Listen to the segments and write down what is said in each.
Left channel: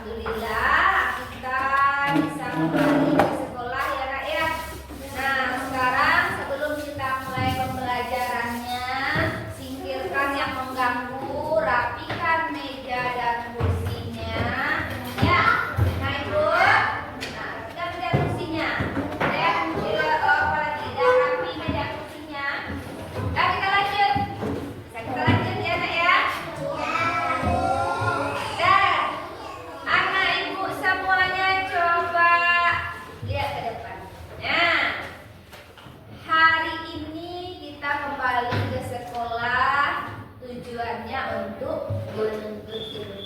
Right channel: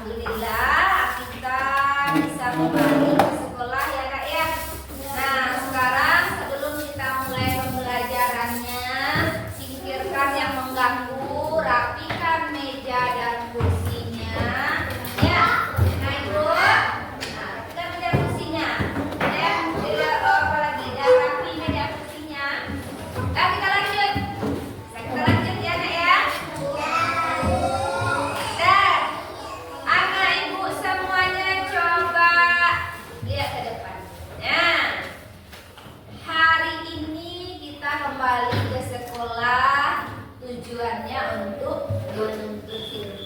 Alhamdulillah kita bisa kembali ke sekolah ya Kak ya. Nah sekarang sebelum kita mulai pembelajarannya, singkirkan yang mengganggu, rapikan meja dan kursinya. Ya, nah Ibu, rapikan meja kursinya. Apa lagi? Dan rapi meja kursinya. Nah kita lanjut. Kita lanjut ya Nak ya. Anak ibu semuanya coba lihat ke depan. Nah, hari ini kita kembali ke sekolah, tujuannya untuk menuntut ilmu.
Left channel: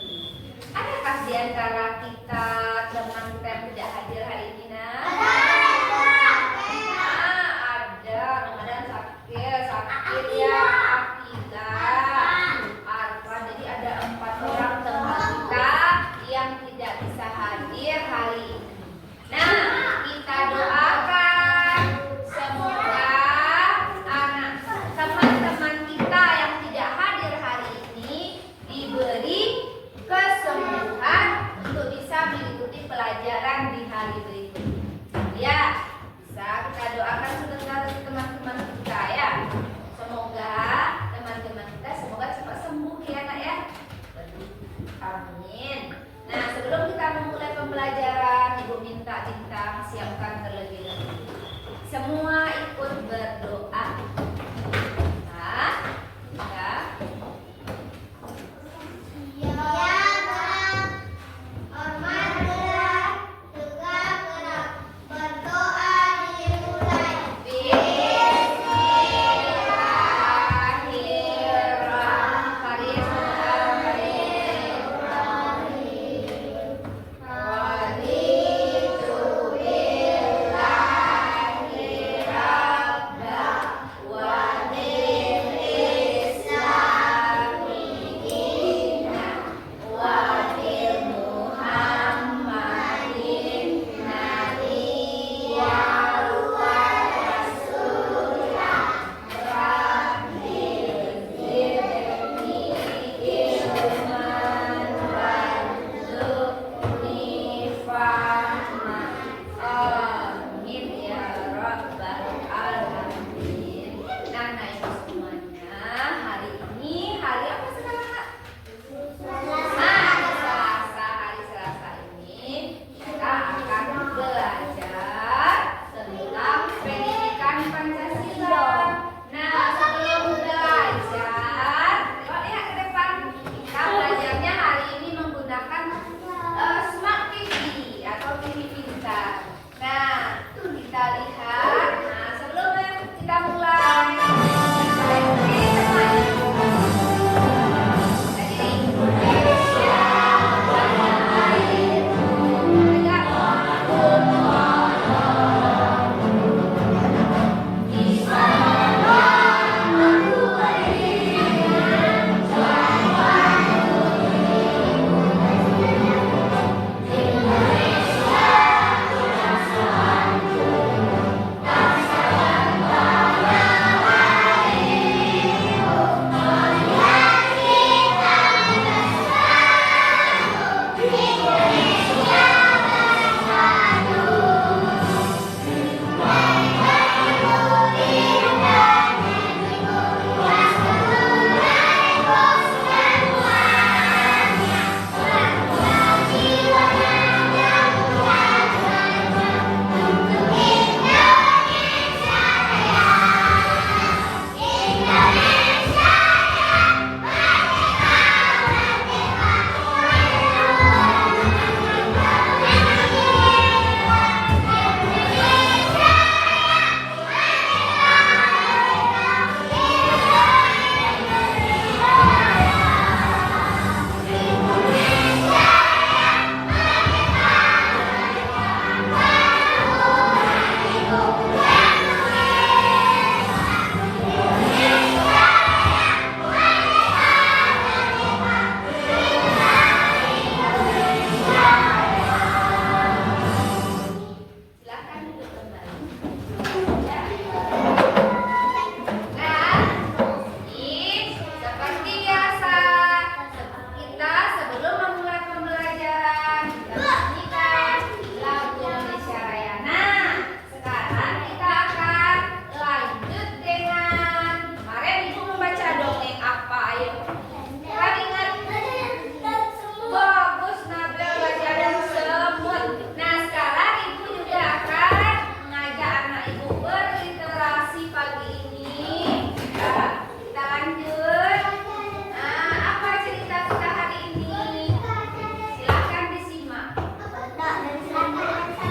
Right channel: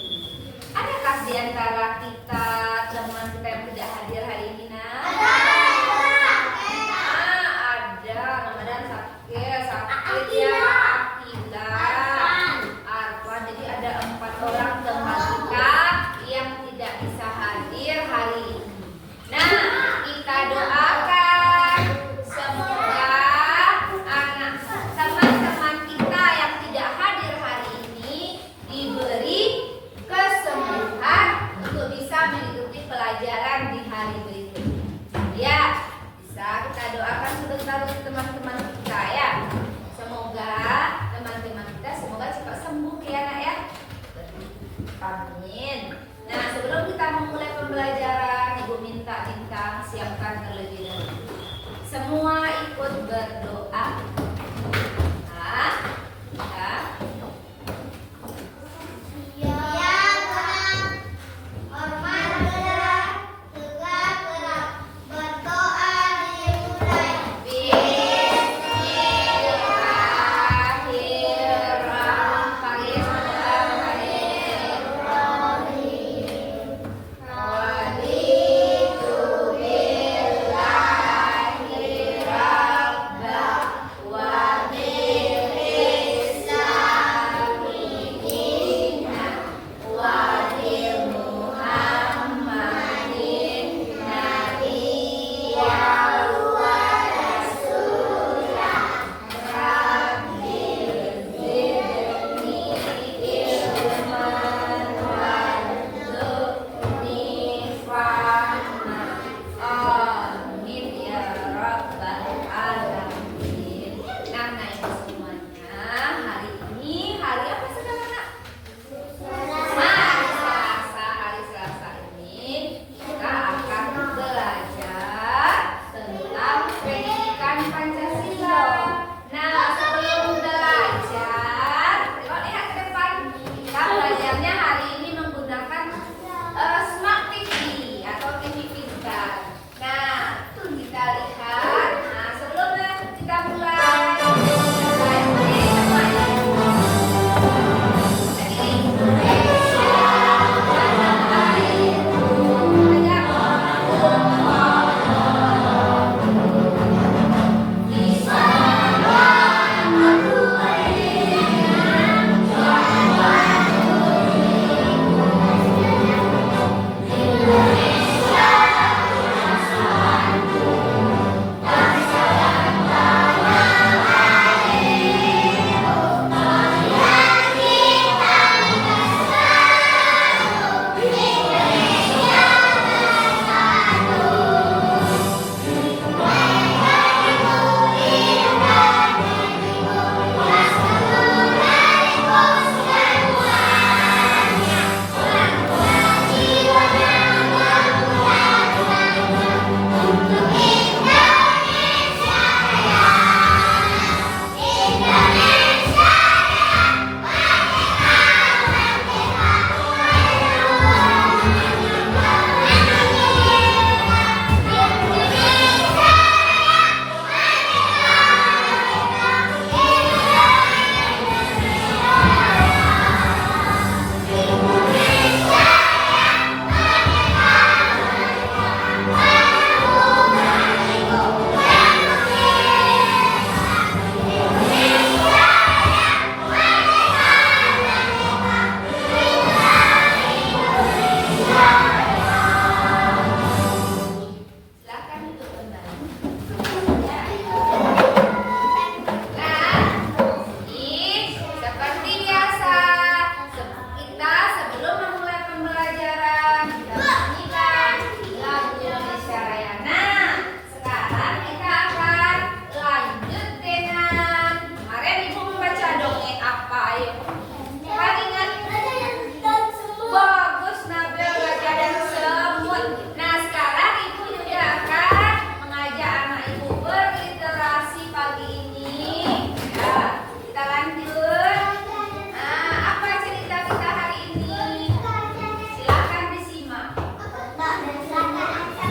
Adakah di antara kita teman kita yang tidak hadir hari ini, Nak? Ada. Ramadan sakit ya, Akidah, Arfan. Jadi ada 4 orang teman kita yang tidak bisa hadir hari ini. Nah, kita doakan semoga teman-teman kita yang tidak hadir hari ini diberi kesembuhan untuk bisa mengikuti pelajaran di hari berikutnya. Ya, bisa kita doakan sebentar untuk teman-teman kita ya. Semoga teman-teman kita cepat sembuh ya Nak ya. Amin. Nah, sebelum kita memulai pembelajaran, Ibu minta Bintang siapkan terlebih dahulu. Semua ikut berdoa. Nah, kita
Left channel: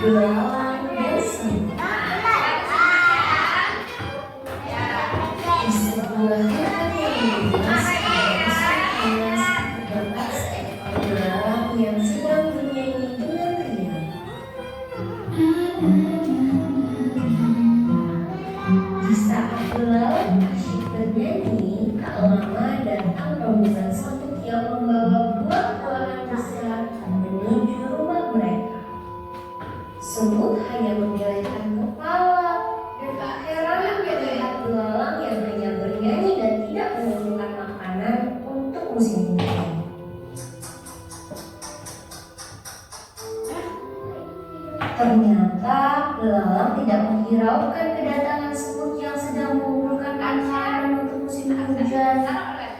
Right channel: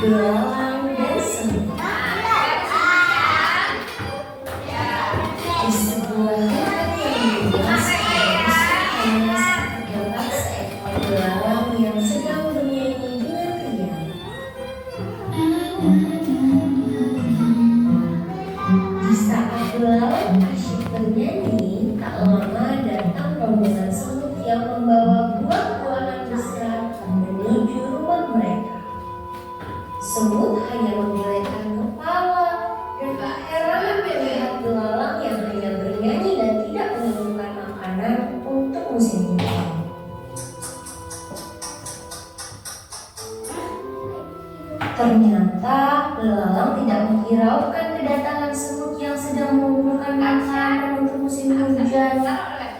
belalang dan semut. Di sebuah hutan yang luas terdapat seekor belalang yang sedang bernyanyi dengan riang. Di saat belalang asyik bernyanyi, tak lama datang rombongan semut yang membawa buah-buahan besar menuju rumah mereka. Semut hanya menggelengkan kepala dan tak heran melihat belalang yang hanya bernyanyi dan tidak menemukan makanan untuk musim hujan. Ternyata belalang tidak menghiraukan kedatangan semut yang sedang mengumpulkan makanan untuk musim hujan.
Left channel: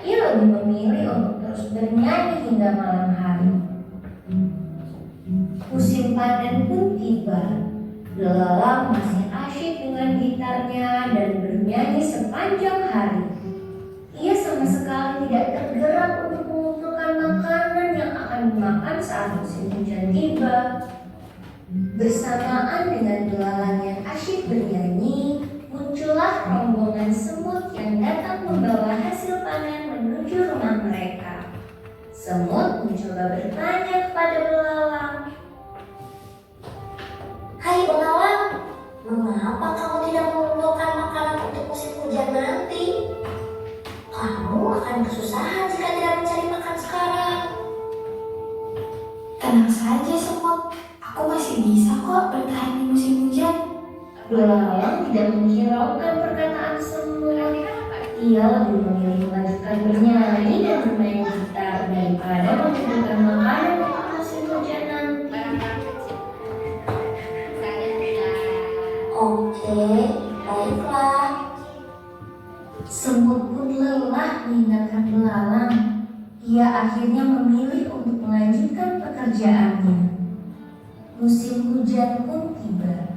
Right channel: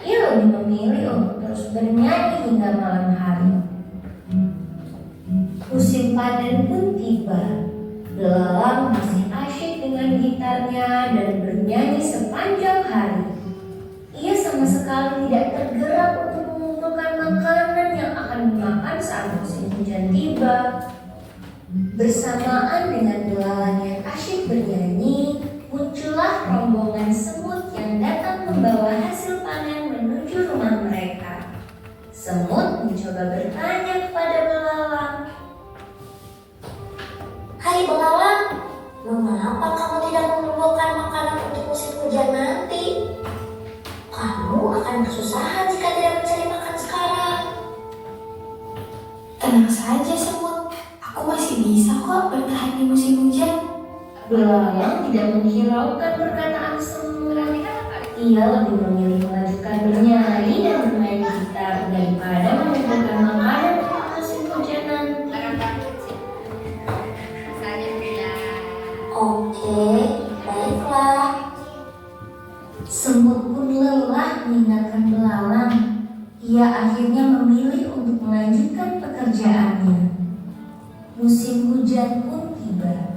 Ia lebih memilih untuk terus bernyanyi hingga malam hari. Musim panen pun tiba. Belalang masih asyik dengan gitarnya dan bernyanyi sepanjang hari. Ia sama sekali tidak tergerak untuk mengumpulkan makanan yang akan dimakan saat musim hujan tiba. Bersamaan dengan belalang yang asyik bernyanyi, muncullah rombongan semut yang datang membawa hasil panen menuju rumah mereka. Semut mencoba bertanya kepada belalang. Hai belalang, mengapa kamu tidak mengumpulkan makanan untuk musim hujan nanti? Kamu akan kesusahan jika tidak mencari makan sekarang. Tenang saja semut, aku masih bisa kok bertahan di musim hujan. Belalang tidak menghiraukan perkataan semut. Ia lebih memilih melanjutkan bernyanyi dan bermain gitar daripada mengumpulkan makanan untuk musim hujan nanti. Oke, baiklah. Semut pun lelah meninggalkan belalang. Ia akhirnya memilih untuk melanjutkan pekerjaannya. Musim hujan pun tiba.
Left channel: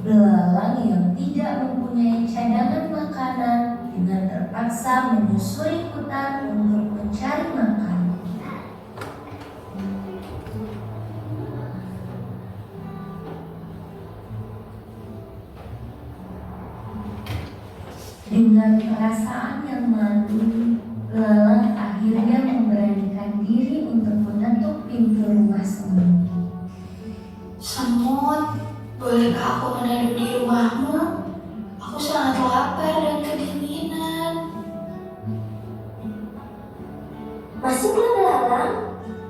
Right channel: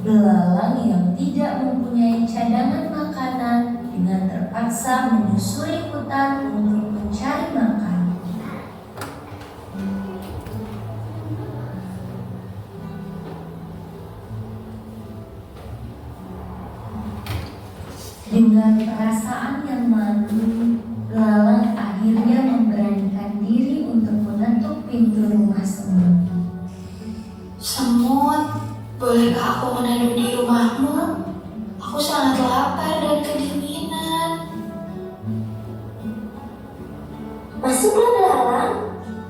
Belalang yang tidak mempunyai cadangan makanan dengan terpaksa menyusuri hutan untuk mencari makan. Dengan perasaan yang malu, belalang akhirnya memberanikan diri untuk mengetuk pintu rumah semut. Semut, bolehkah aku meneduh di rumahmu? Aku sangat lapar dan kedinginan. Masuklah belalang,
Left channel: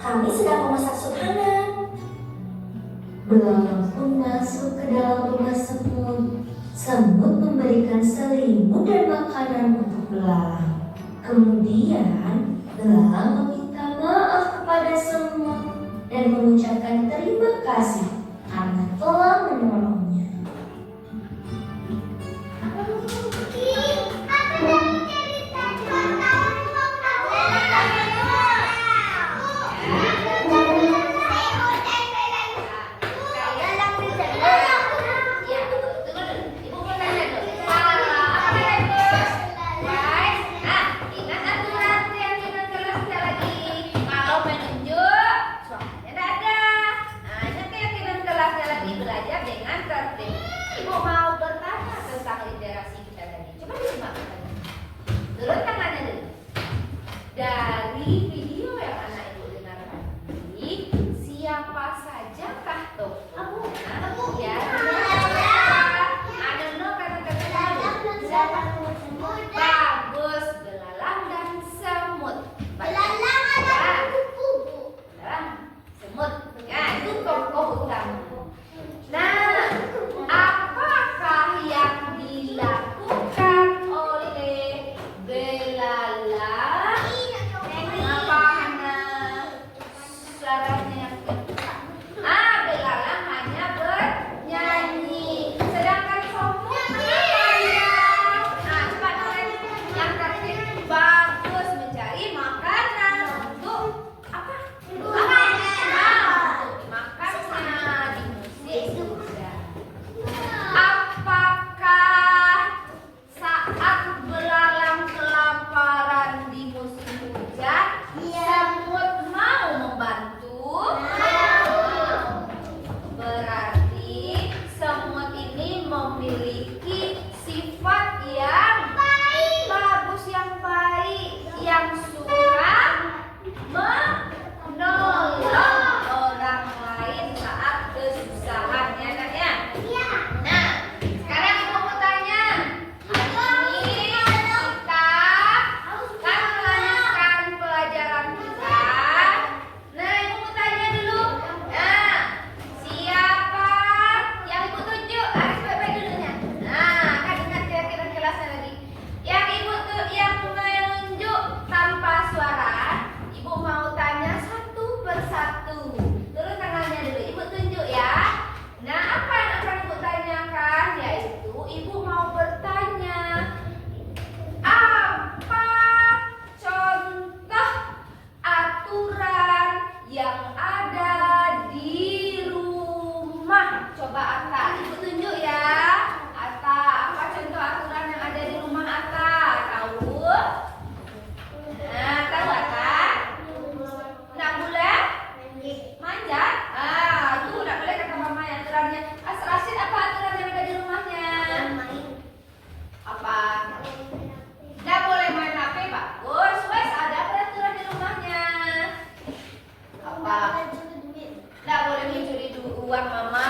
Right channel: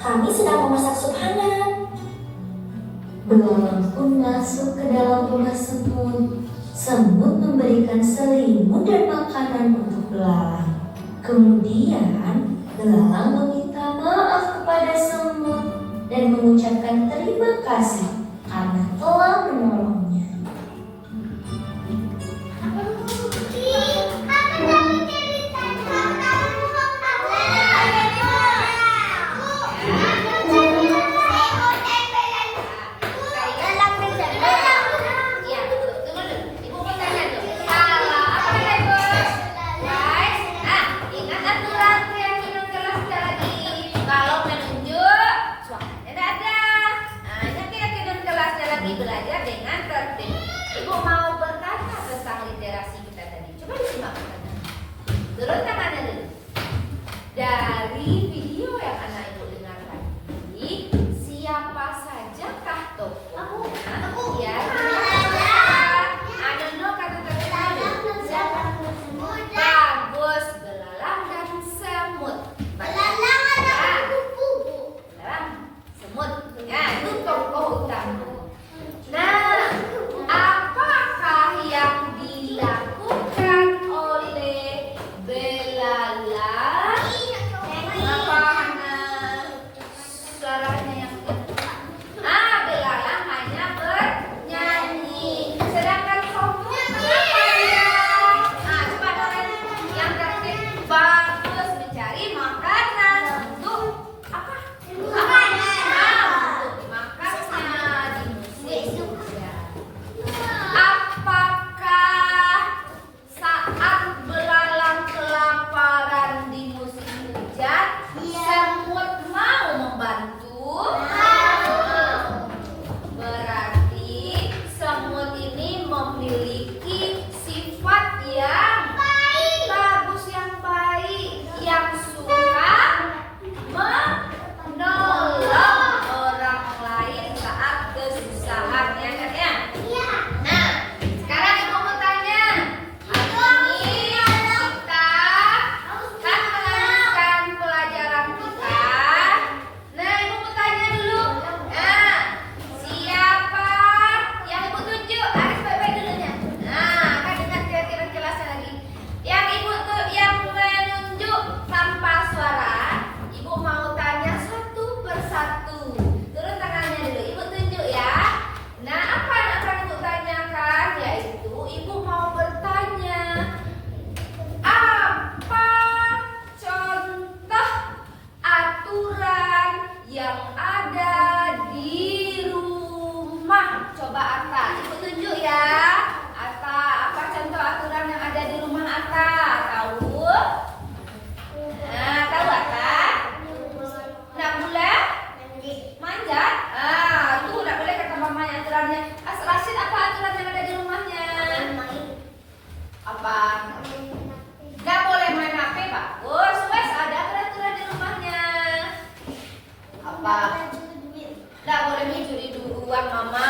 kami sedang memasak sup hangat. Belalang pun masuk ke dalam rumah semut. Semut memberikan selimut dan makanan untuk belalang. Kemudian belalang meminta maaf kepada semut dan mengucapkan terima kasih karena telah menolongnya. Belajar yang ada di rumah. Coba Atta, Ibu tunjuk ya. Atta, apa contoh aturan yang ada di rumah Atta? Tahu? Nah, tahu Atta? Nggak boleh manjat. Itu nggak boleh kata mamanya aturannya. Rasid, apa aturan yang ada di rumahnya? Apa? Nggak boleh main HP, bagus. Wes ada peraturan di rumahnya. Apa? Nggak boleh mencuri uang mama.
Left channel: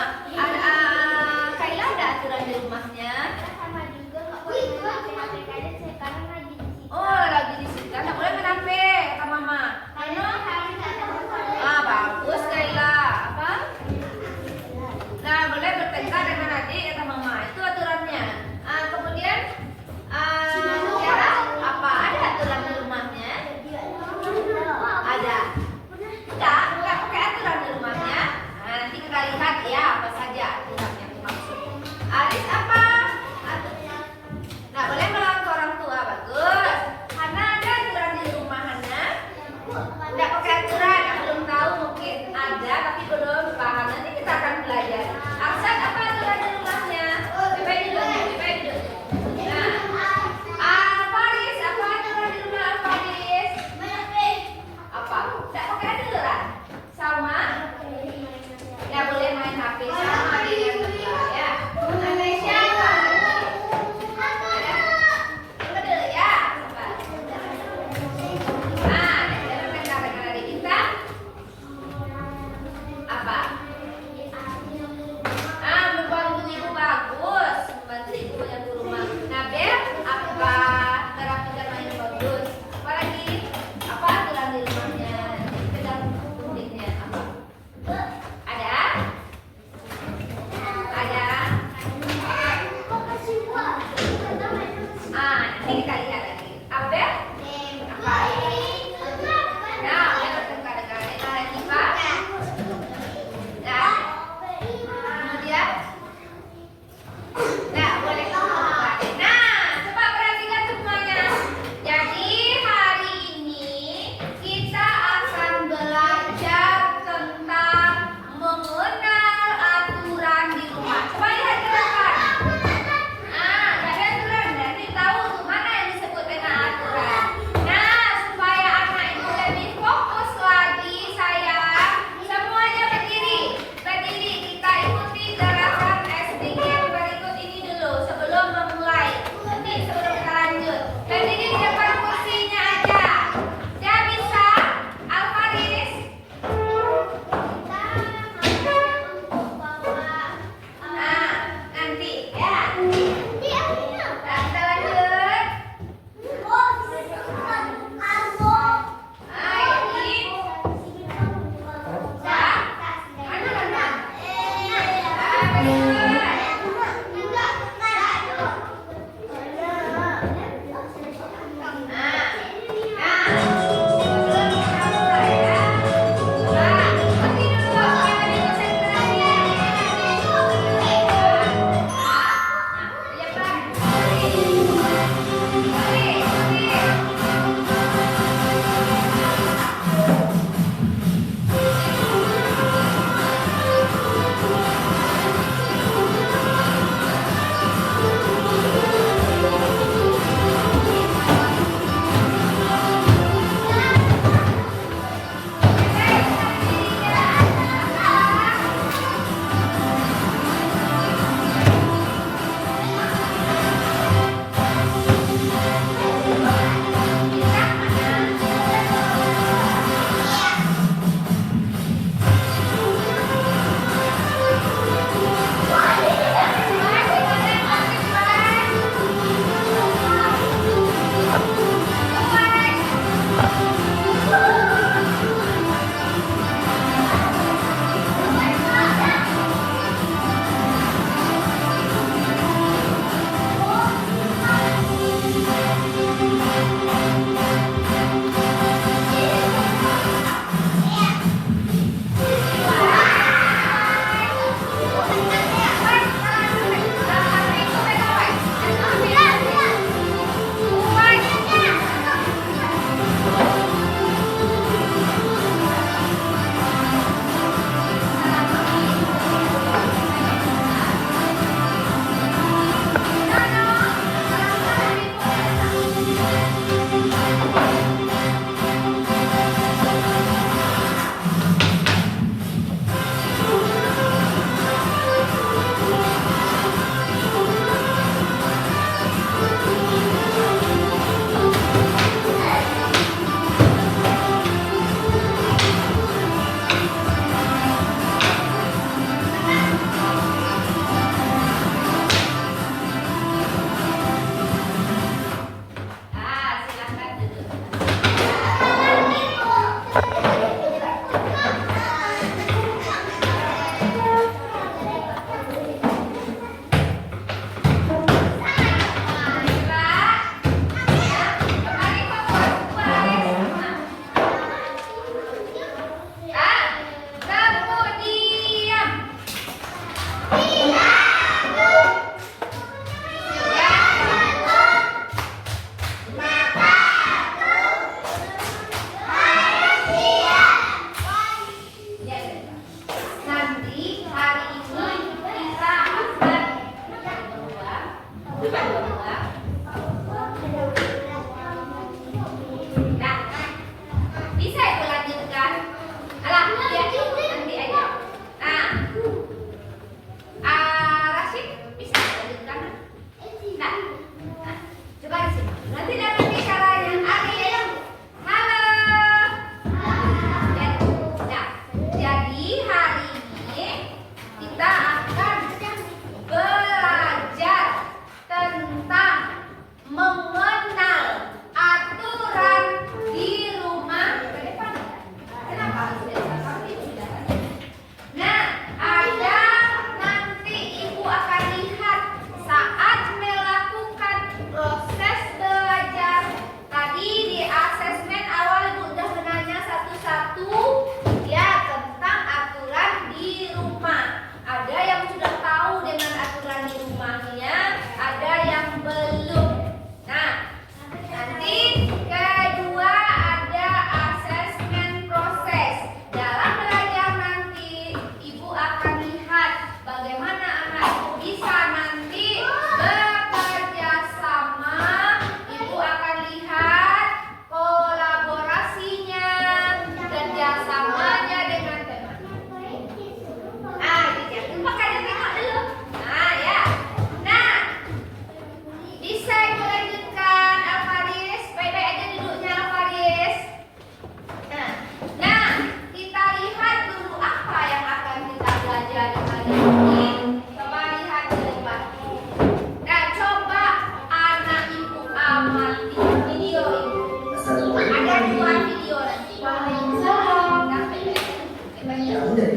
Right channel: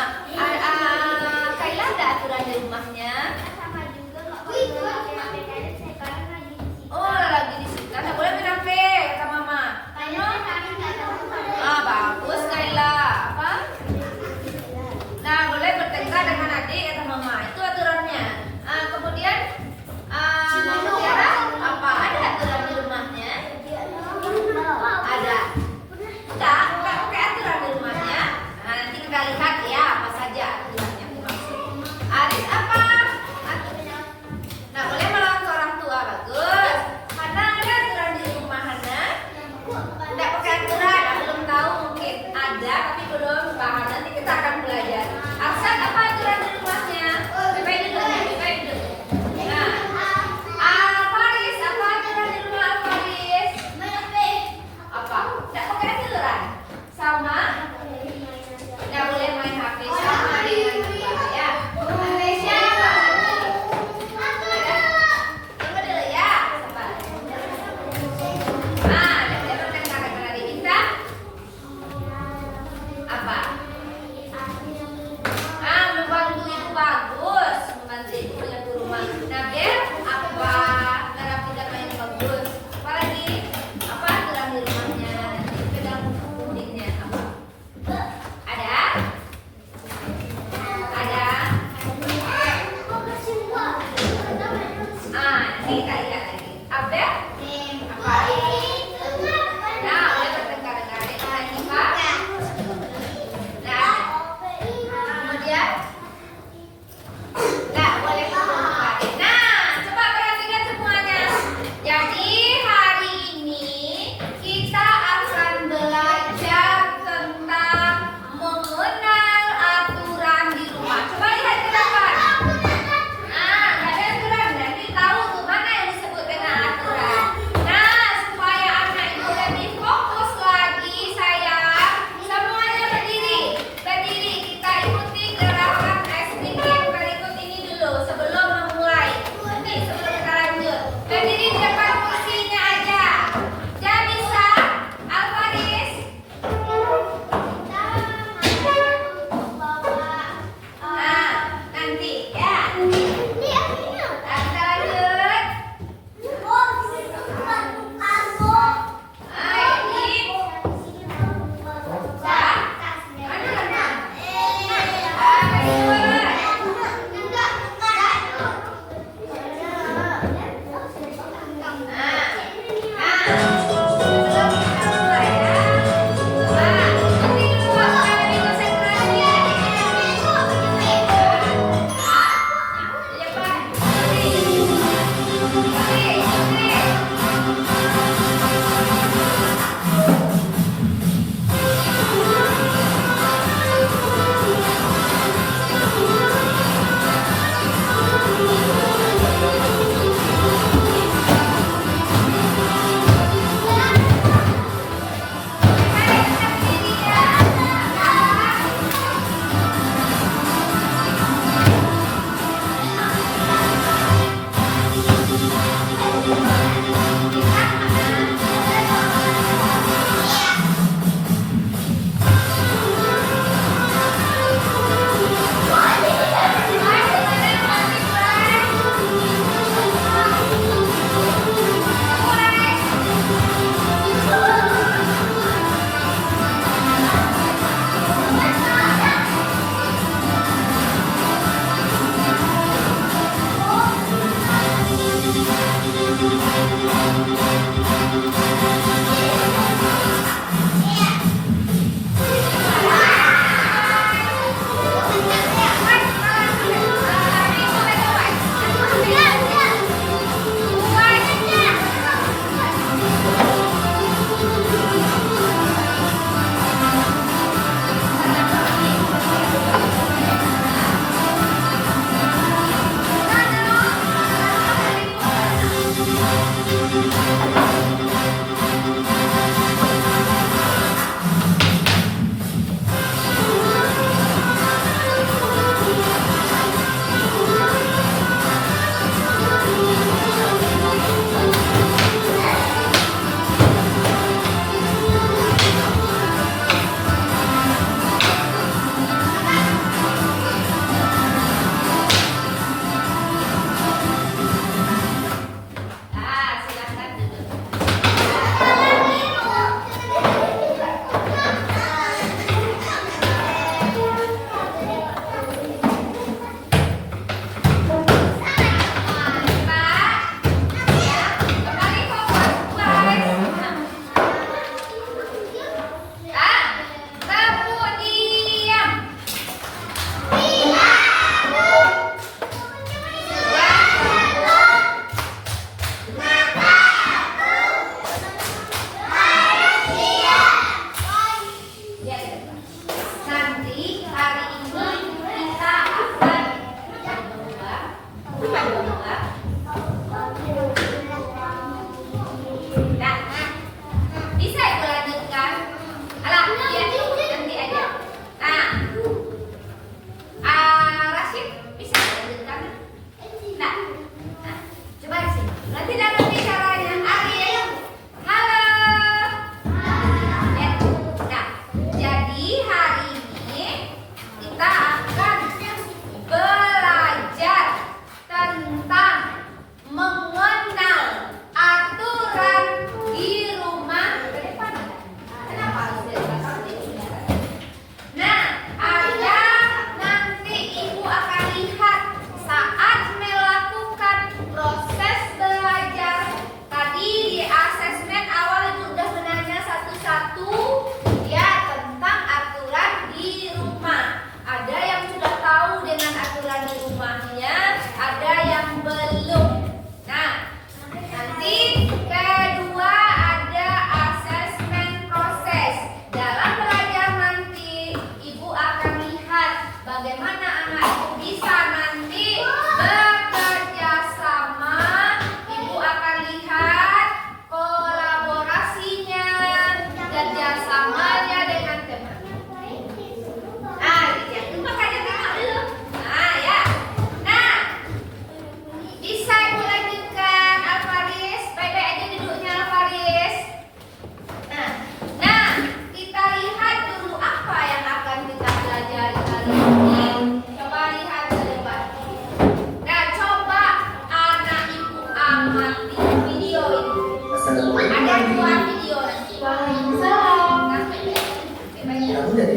Kaila ada aturan di rumahnya. Sama juga nggak boleh main HP kayak sekarang lagi di sini. Oh, lagi di sini. Nggak boleh main HP, kata mama. Karena kami nggak tahu kalau Bagus Kaila. Apa? Nah, boleh bertengkar dengan adik, kata mama. Itu aturannya. Kemudian Tiara, apa ada aturan di rumahnya? Ada. Enggak pakai aturan di rumahnya. Nanti kita lihat ya apa saja aturannya aku maksud. Aris apa? Nah, boleh melawan ke orang tua, bagus. Hana ada aturan di rumah Hana? Enggak pakai aturan, belum tahu mungkin ada tapi belum paham. Nanti kita akan belajar. Arsyad apa aturan di rumahnya? Baik dulu ya, baik dulu. Nah, Faris apa aturan di rumah Faris? Apa? Enggak pakai aturan. Sama? Nggak boleh main HP sama dengan teman ya. Malaysia. Coba dulu ya. Sabar. Dia bertengkar dengan adik kita. Apa? Membantu ibu bagus. Membantu ibu menyapu rumah. Nabil, apa? Terapi dan main bagus. Apa lagi? Apa aturan di rumahnya? Pegang pundingnya apa? Ada? Ada? Nanti kita lihat lagi. Abel? Apa? Nah, boleh bertengkar dengan adik kita. Nah, kemudian? Nah, boleh bertengkar. Nah, coba perhatikan semuanya. Jadi hari ini kita akan belajar tentang mengenal aturan di rumah. Coba lihat ke depan. Nggak ada aturan. Jadi tahu tuh mana yang disebut dengan aturan. Nah, supaya anak itu lebih fokus lagi, sayang.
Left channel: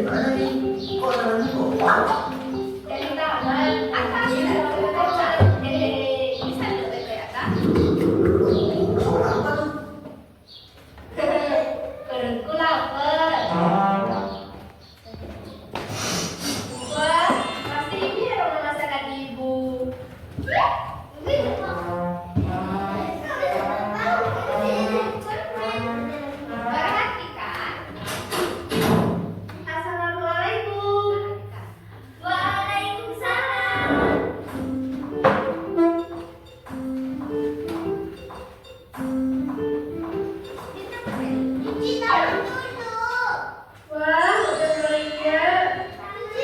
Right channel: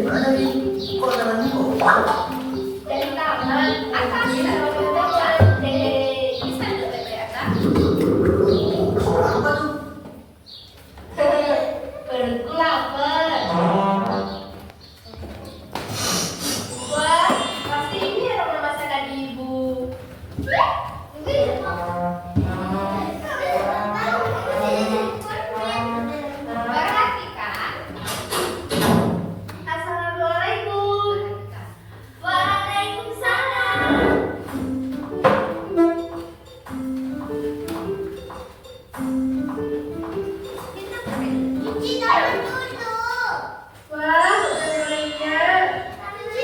mana nih? Kok jalan kok? Dari taman atas ya, bisa tuh dari atas. Sekolah apa tuh? Perutku lapar. Wah, pasti ini rumah masakan ibu. Berarti kan? Assalamualaikum. Waalaikumsalam. Cuci tangan dulu. Wah, udah belanja. Cuci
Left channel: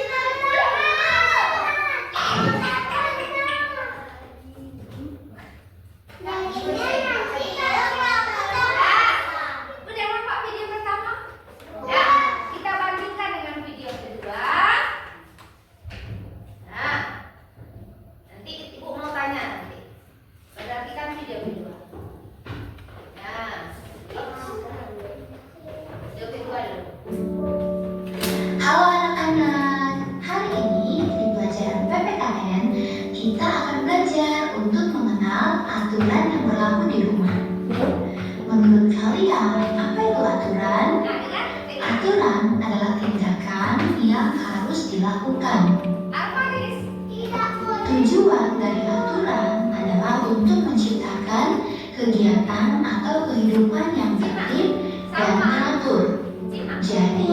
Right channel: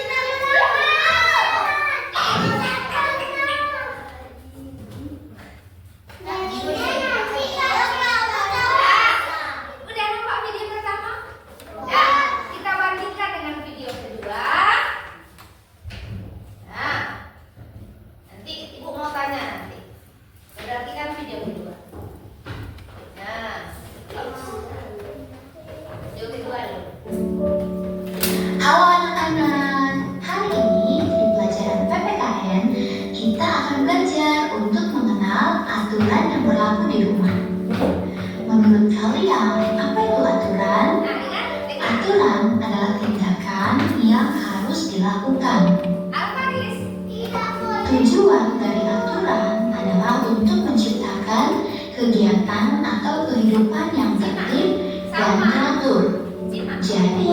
Udah nampak video pertama? Ya, kita bandingkan dengan video kedua. Nah, nanti ibu mau tanya nanti. Perhatikan video kedua. Nah, video kedua dulu. Halo anak-anak, hari ini di pelajaran PPKN kita akan belajar untuk mengenal aturan yang berlaku di rumah. Menurut kalian, apa itu aturan? Nah, ingat, Aturan adalah tindakan yang harus dilakukan. apa Riz? Tujuan dari aturan adalah untuk menciptakan kegiatan atau kehidupan yang tertib dan teratur. Simak. Jadi,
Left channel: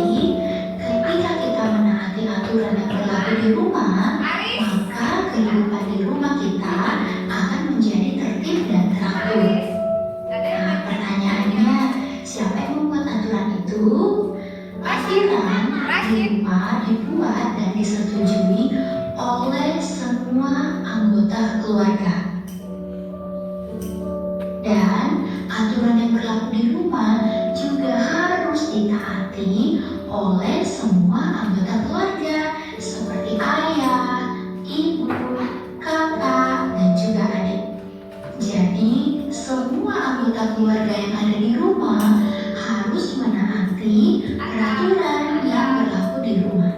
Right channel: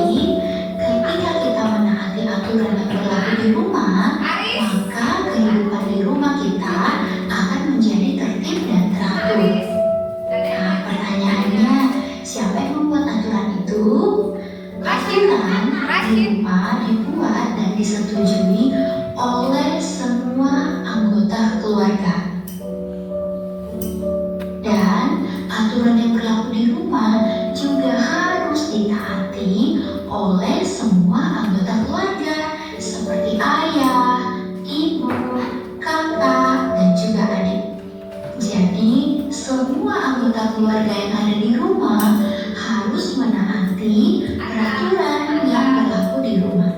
ketika kita menaati aturan yang berlaku di rumah, Aris, maka kehidupan di rumah kita akan menjadi tertib dan teratur. Aris. Nah, pertanyaannya, siapa yang membuat aturan itu? Aturan di rumah dibuat dan disetujui oleh semua anggota keluarga. Dan aturan yang berlaku di rumah juga harus ditaati oleh semua anggota keluarga seperti ayah, ibu, kakak, dan juga adik. Jadi, semua anggota keluarga yang ada di rumah harus menaati peraturan yang berlaku di rumah.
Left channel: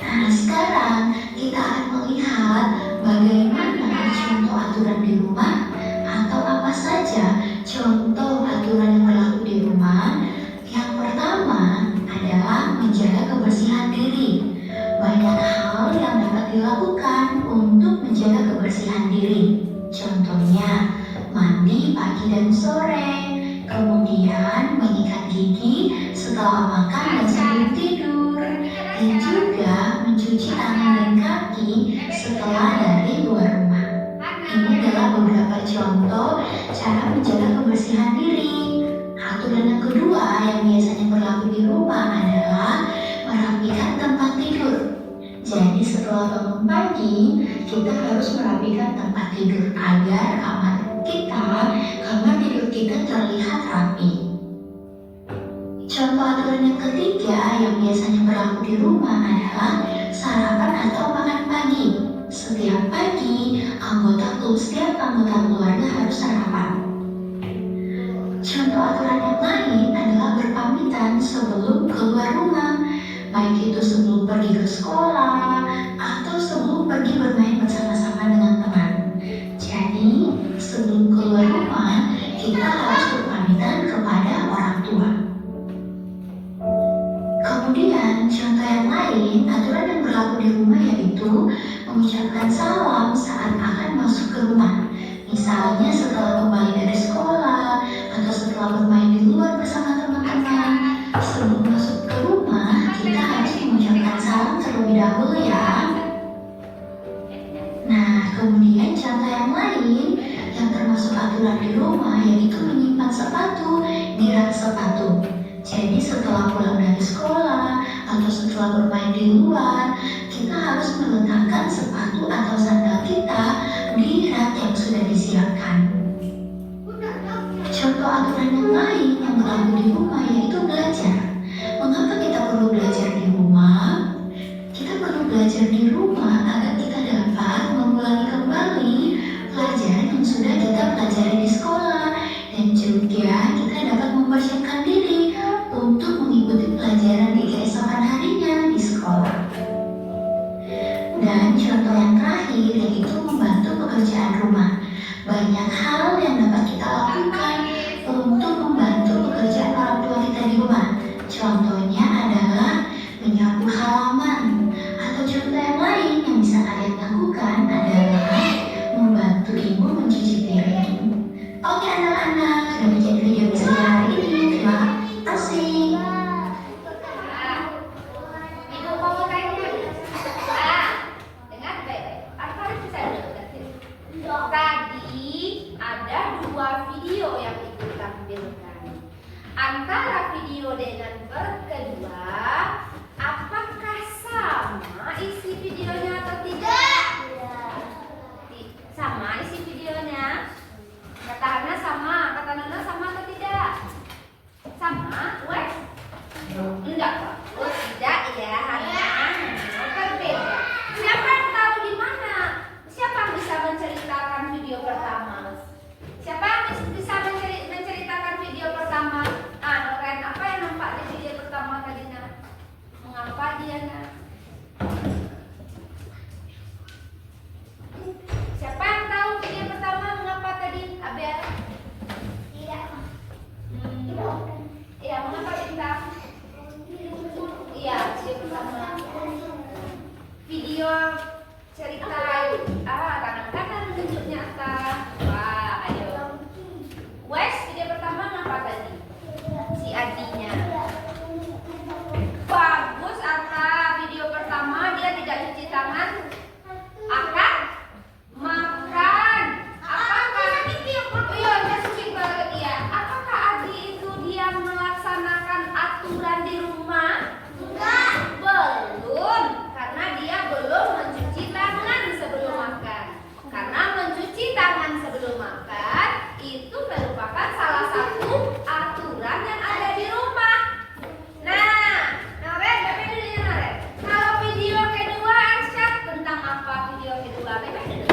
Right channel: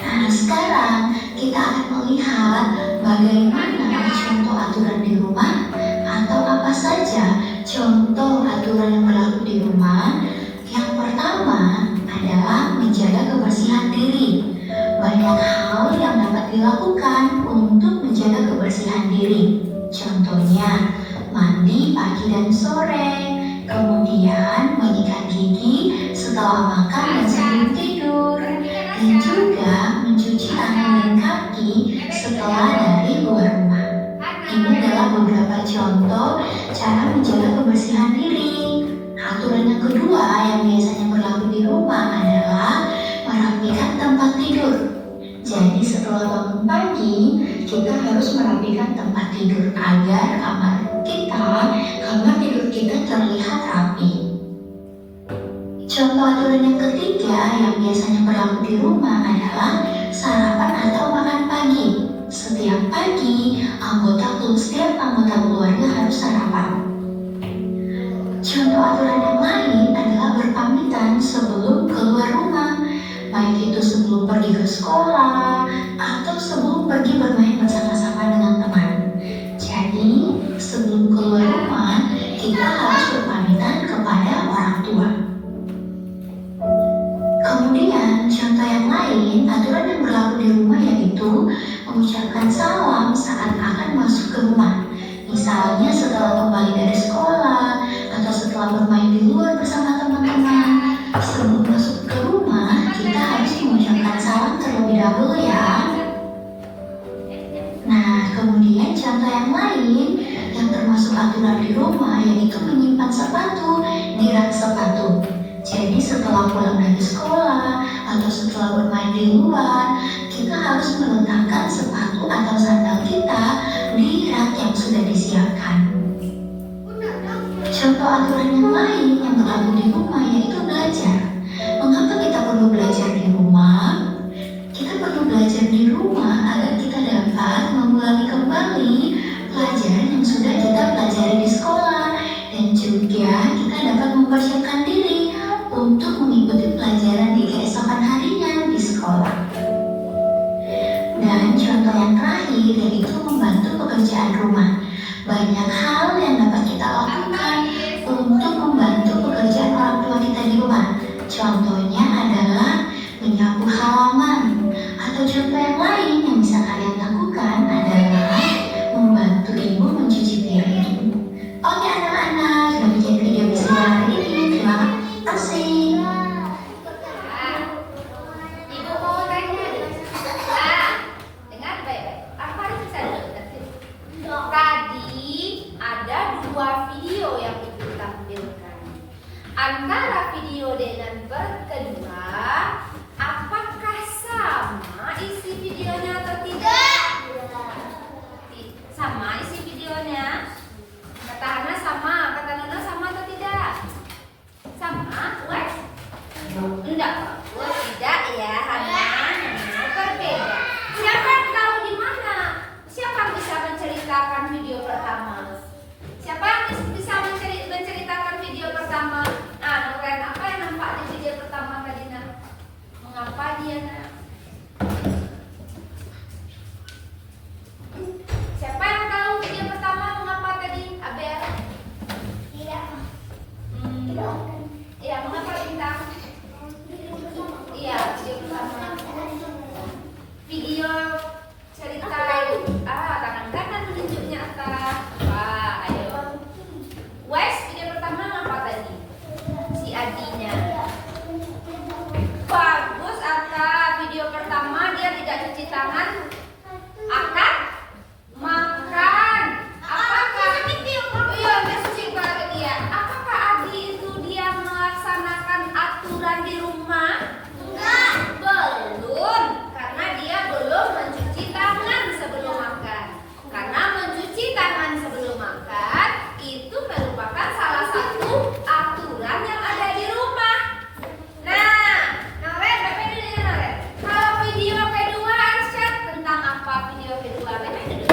Nah, sekarang kita akan melihat bagaimana contoh aturan di rumah atau apa saja contoh aturan yang berlaku di rumah. Yang pertama adalah menjaga kebersihan diri. Banyak hal yang dapat dilakukan untuk menjaga kebersihan diri. Contohnya, mandi pagi dan sore, kemudian menyikat gigi setelah makan dan sebelum tidur, dan juga mencuci tangan dan kaki setelah dari luar rumah. Ini adalah beberapa contoh cara menjaga kebersihan diri. Aturan yang kedua yang biasanya berlaku di rumah adalah merapikan tempat tidur. Jadi setelah bangun pagi, kita harus merapikan tempat tidur agar kamar tidur kita terlihat rapi. Contoh aturan yang ketiga yang biasanya berlaku di rumah adalah sarapan atau makan pagi. Setiap pagi, setiap anggota keluarga harus sarapan. Contoh aturan yang lain adalah berpamitan sebelum keluar rumah, baik itu sebelum pergi ke sekolah atau sebelum pergi bermain bersama-sama dengan teman. Jadi, sebelum keluar rumah, kita harus berpamitan kepada orang tua. Kemudian, contoh yang lain, aturan yang berlaku di rumah yaitu mengucapkan salam saat akan masuk ke rumah. Misalnya setelah kembali dari sekolah atau setelah bermain di luar bersama teman-teman. Sebelum masuk ke rumah, kita harus mengucapkan salam terlebih dahulu ya. Nah, kemudian contoh yang lain yang termasuk aturan di rumah yaitu menyimpan sepatu di rak sepatu. Jadi setelah pulang dari sekolah atau setelah bermain di luar, kita harus meletakkan sepatu atau sandal kita di rak yang sudah disiapkan. Contoh aturan yang lain yang berlaku di rumah yaitu belajar. Mengapa kita perlu belajar di rumah? Kita perlu belajar di rumah agar kita dapat mengulangi kembali pelajaran yang sudah kita pelajari di sekolah, dan juga kita dapat mempersiapkan diri untuk mengikuti mengikuti pelajaran di keesokan harinya di sekolah. Dan contoh yang terakhir yaitu membantu pekerjaan rumah. Banyak hal yang dapat kita lakukan untuk membantu pekerjaan orang tua kita di rumah. Contohnya adalah menyapu halaman. Atau contoh yang lain yang bisa kalian lakukan adalah membantu ibu mencuci piring. Oke anak-anak, demikian video bisa hari ini. Terima kasih. Ibu mau tanya. Dengar baik-baik. Apa harus bisa dengar? Tadi ada 2 video yang ibu tampilkan. Antara video dengan kedua, apakah sama isi videonya atau tidak? Sama isi videonya. Kata Hana sama, kata Nona sama atau tidak? Sama, Wes? Enggak, bagus. Tidak ya, Hana. Berbeda. Siapa yang tahu di mana? Siapa yang bisa menceritakan video pertama? Siapa yang bisa menceritakan video pertama? Noren, apa yang nampak di video pertama tadi, Nak? Mengapa dia, Nak? Siapa yang tahu video pertama mengapa tadi, Abel? Iya. Iya, mengapa bintang? Iya, video pertama. Video cerita tangan-tangan menunjuknya atas. Wah, ayo. Wes, video pertama mengapa tadi? Si Adinya. Bagus, Atta. Video pertama dia tidak cuci tangan. Akan makan. Apakah? Iya, masukin ke dia. Apakah Adi itu dia melaksanakan aturan di rumah? Enggak. Belum, karena dia belum mencuci tangan sebelum makan. Karena mencuci tangan sebelum makan itu merupakan salah satu aturan yang ada di rumah. Nah, Noren, baca dulu ya Noren. Kalau video kedua Arsyad tentang apa video kedua? Baca dulu.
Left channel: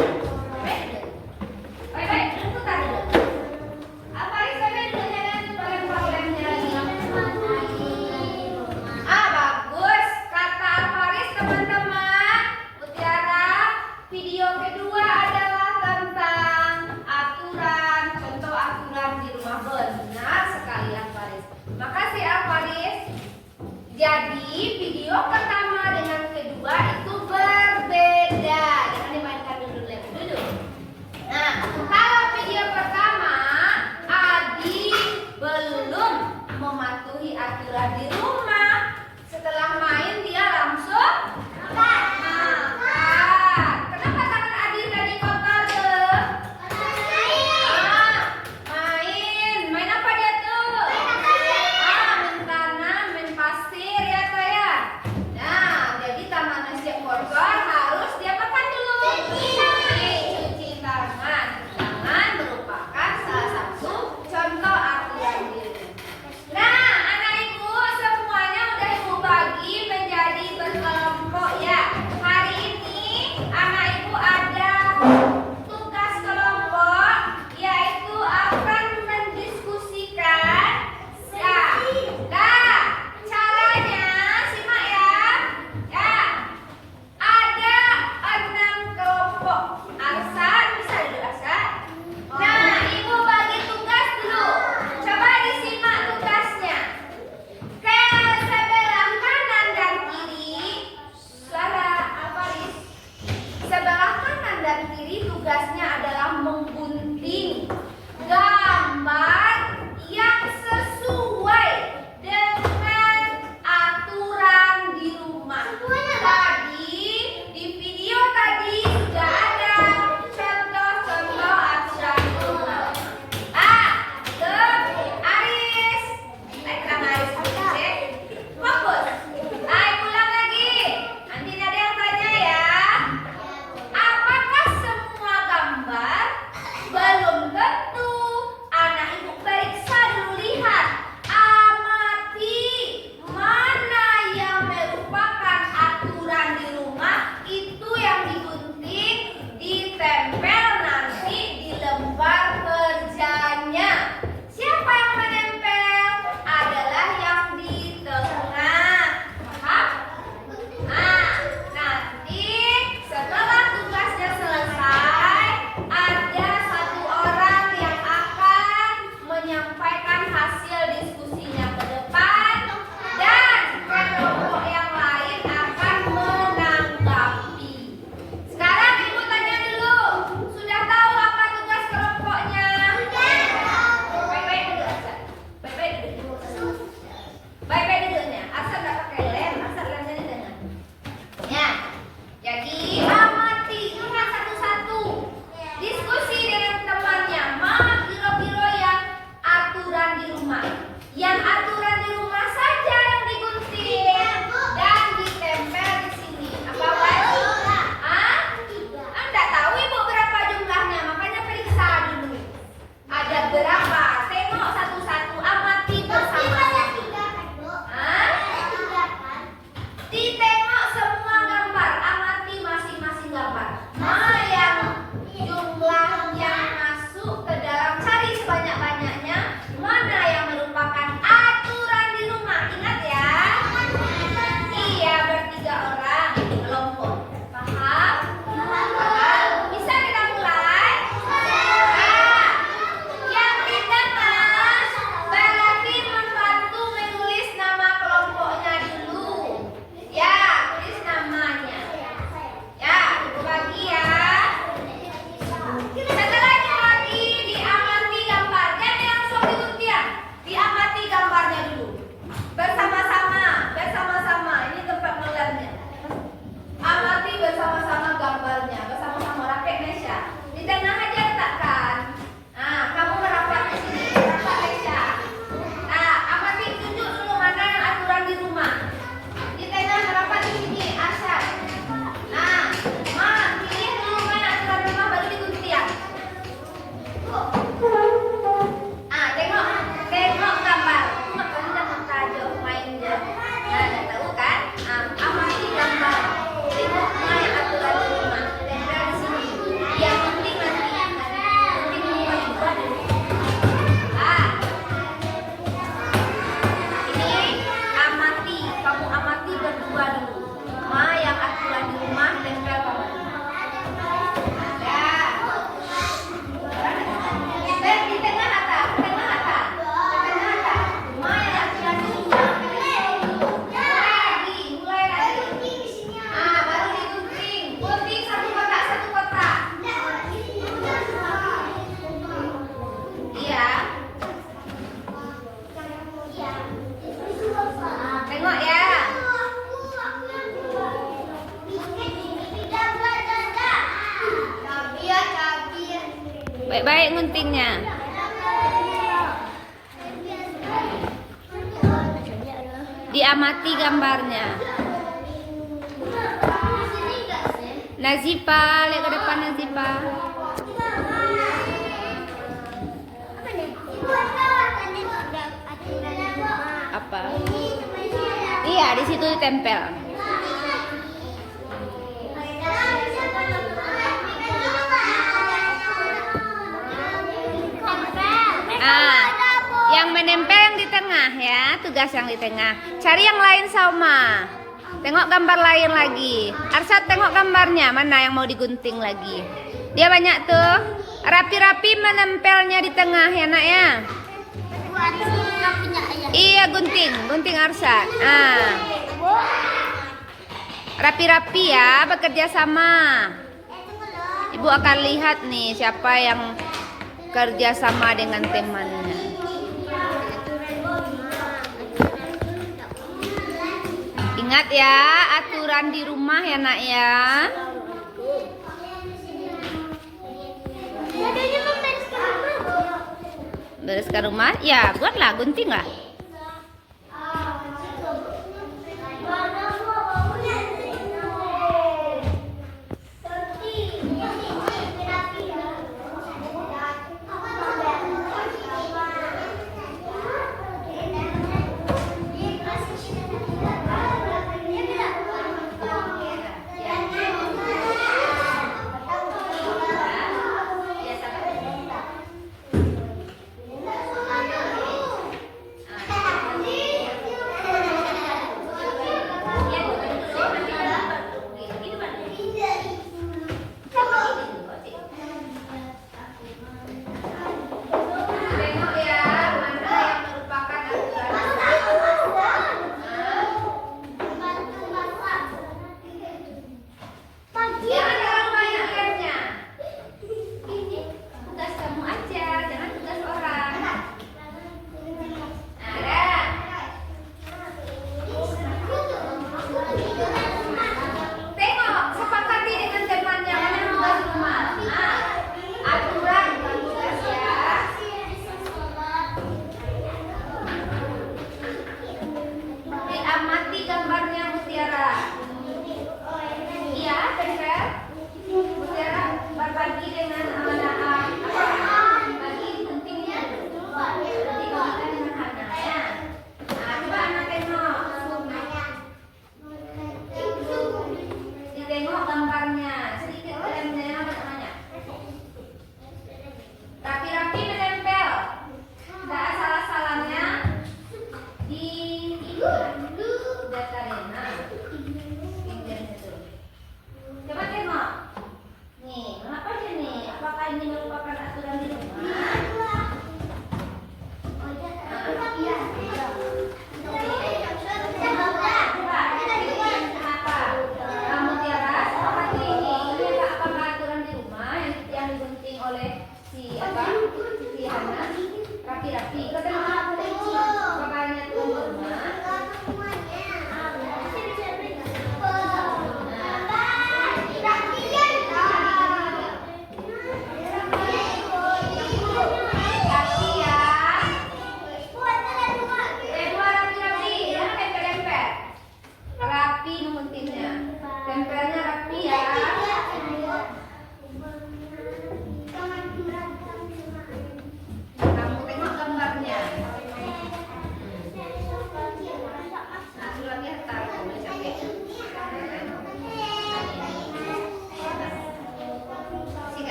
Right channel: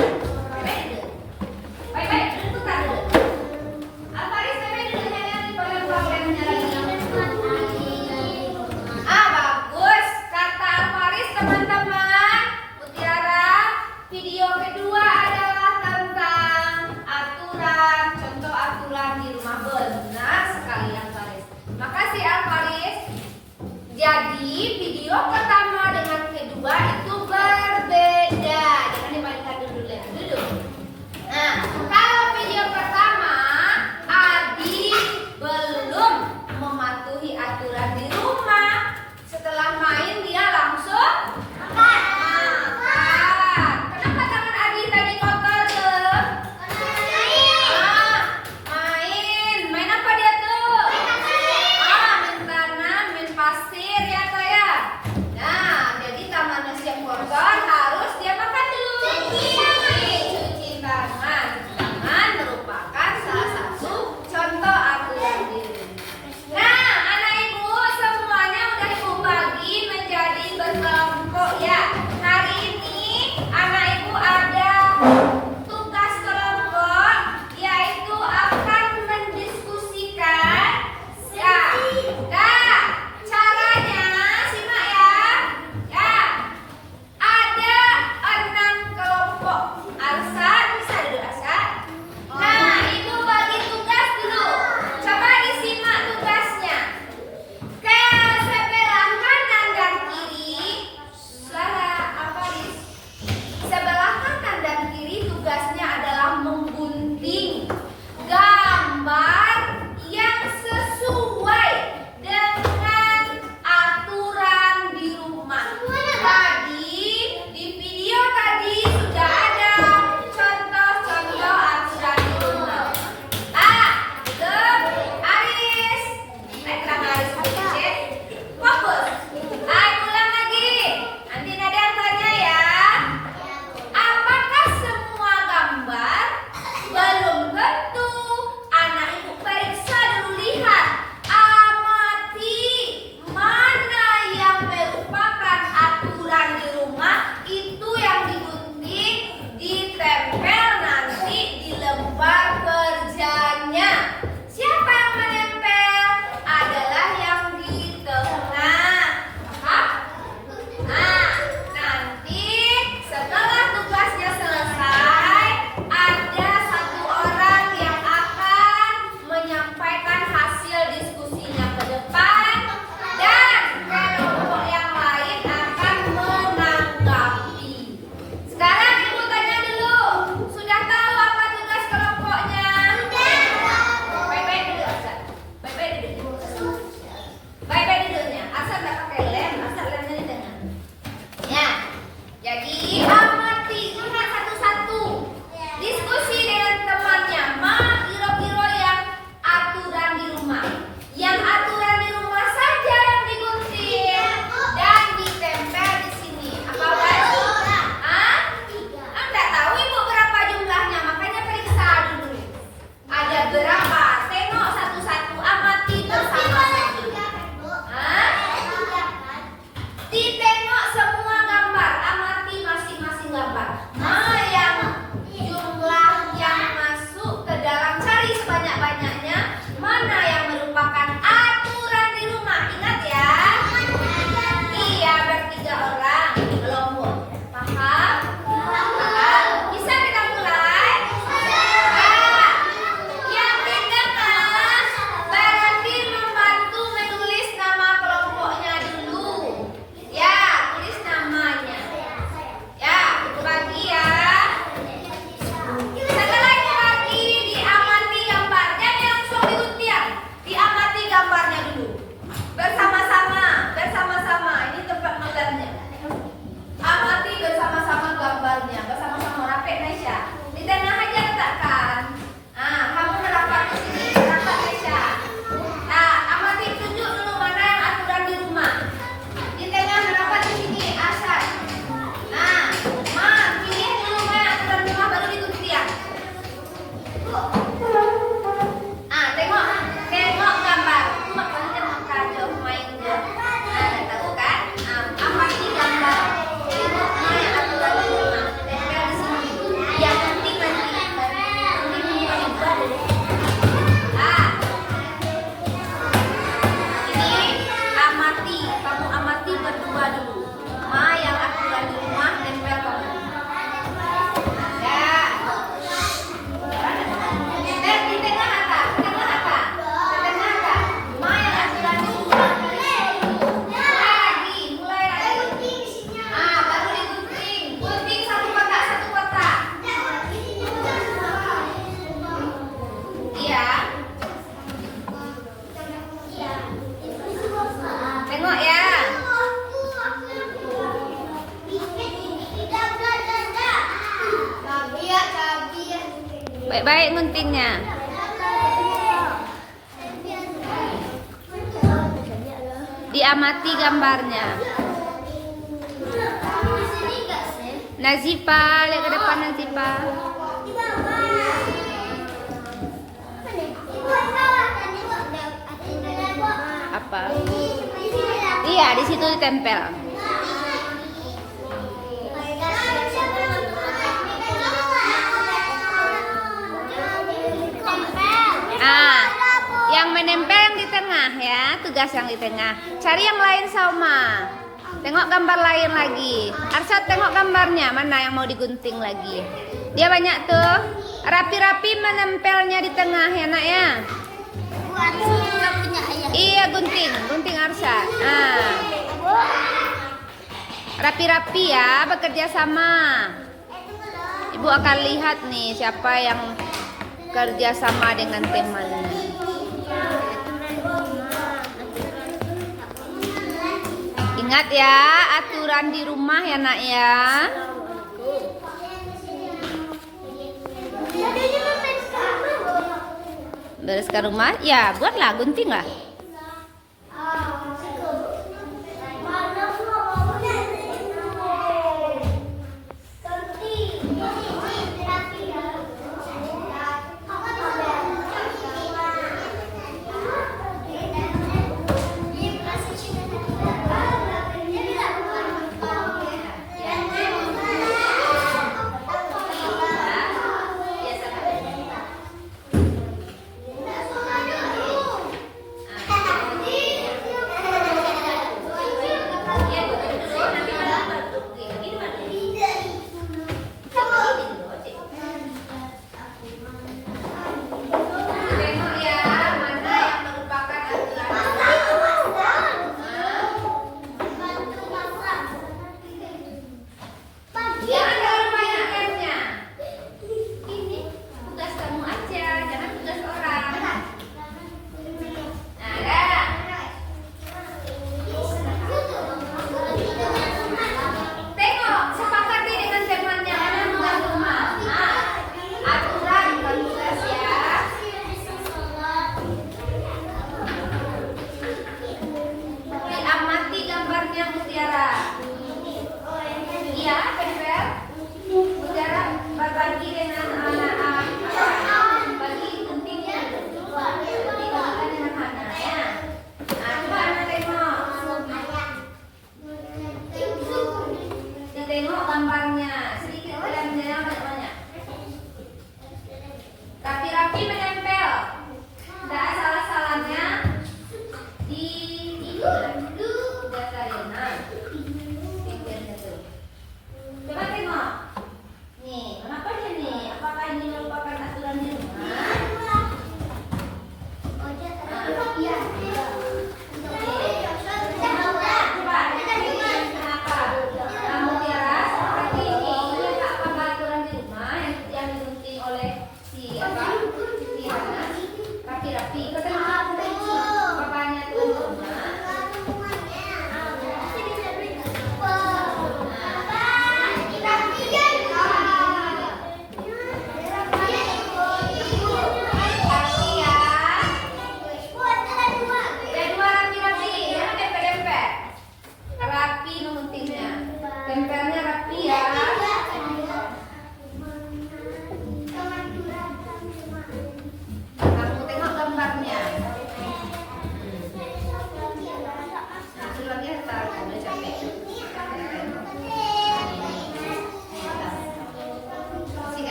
Baik-baik, tentukan dulu. Alfaris, baca dulu ya, bagian problemnya lagi. Bagus. Kata Alfaris, teman-teman. Mutiara, video kedua adalah tentang aturan, contoh aturan di rumah. Benar sekali Alfaris. Makasih Alfaris. Jadi video pertama dengan kedua itu berbeda. Jangan dimainkan dulu, lihat dulu. Nah, kalau video pertama Adi belum mematuhi aturan di rumah. Setelah main dia langsung makan. Kenapa tangan Adi tadi kotor tuh? Main apa dia tuh? Main tanah, main pasir ya toh ya. Nah, jadi tangannya siap kotor. Ditengok semua gambar, amati masing-masing gambar. Mana yang jumlah yang masuk ke dalam, cari sebanyak-banyaknya. Mana yang merupakan aturan di rumah. Ingat ya. Iya, bertiga orang kelompok. Paham? Paham? Bisa kita mulai? Nah, yang di tengah berarti membantu menulis nama kelompoknya dulu. Ya, tulis namanya. Ya, itu bagi ya. Setelah itu lagi diamati gambar. Jangan langsung digunting. Diamati gambarnya dulu. Bersama-sama. Ini tempat nolarnya. Amati bersama-sama gambarnya. Bersama-sama rapat Nesya. Di tengah aja letakkan. Nah, kamu merapat ke sini. Rapat Nesya. Nah, amati tunjuk dulu mana yang aturan di rumah. Di tengah merapat di sini. Arsyad. Nah, pilih dulu mana yang aturan di rumah baru digunting. Tengok gambar. Makanya makajo mainnya. Nah, tahu kan? Amati gambar. Tengok mana yang aturan di rumah. Tempel di sini. Ya, gunting nanti. Ini amati. Kamu amati berdua dulu. Mana yang aturan di rumah tempel kamu. Ya. Di tengah atas. Mana yang aturan di rumah. Mulai lagi. Baru digunting. Gunting satu kotak. Iya. Tengok ya. Baik-baik guntingnya. Diamati gambarnya. Nazifa, lihat ke depan Nazifa. Apa? Iya, di situ ditempel. Yang menempel yang di tengah ya, tugas yang di tengah. Cari yang lain sama. Tengok gambar lain lagi. Arsyad tengok gambarnya, mana yang mau digunting lagi. Dia banyak tuh. Rapi-rapi menempelnya di tengah ya nak ya. Iya, gunting Arsyad. Rapi-rapi ya, bekerja sama. Ibu akan lihat nih siapa yang kerja sama dengan temannya. Ingat ya, aturan di rumah ya nak ya. Bereskan rumah, ya buatlah, gunting lah.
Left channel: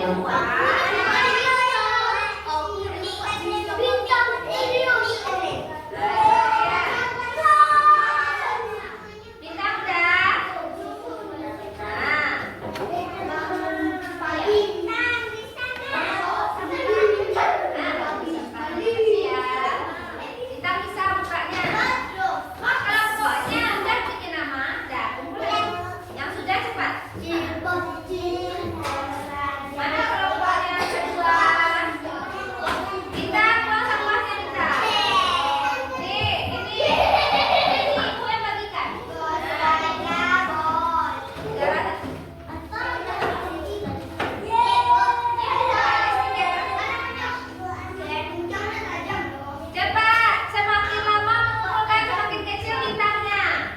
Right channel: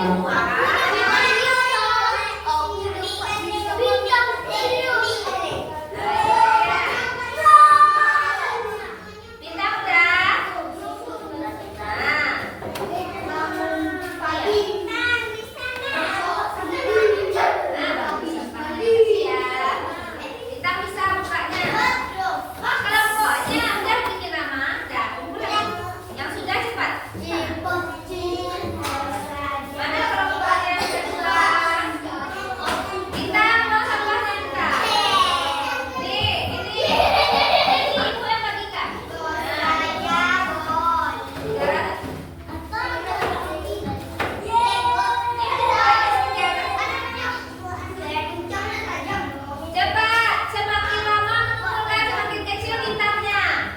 dua. Bintang udah. Bintang bisa bukanya. Kalau pokoknya udah bikin nama, udah kumpul lagi. Yang sudah cepat. Mana kelompok yang kedua? Bintang buang sampahnya Bintang. Nih, ini ibu yang bagikan. Cepat, semakin lama mengumpulkan semakin kecil bintangnya.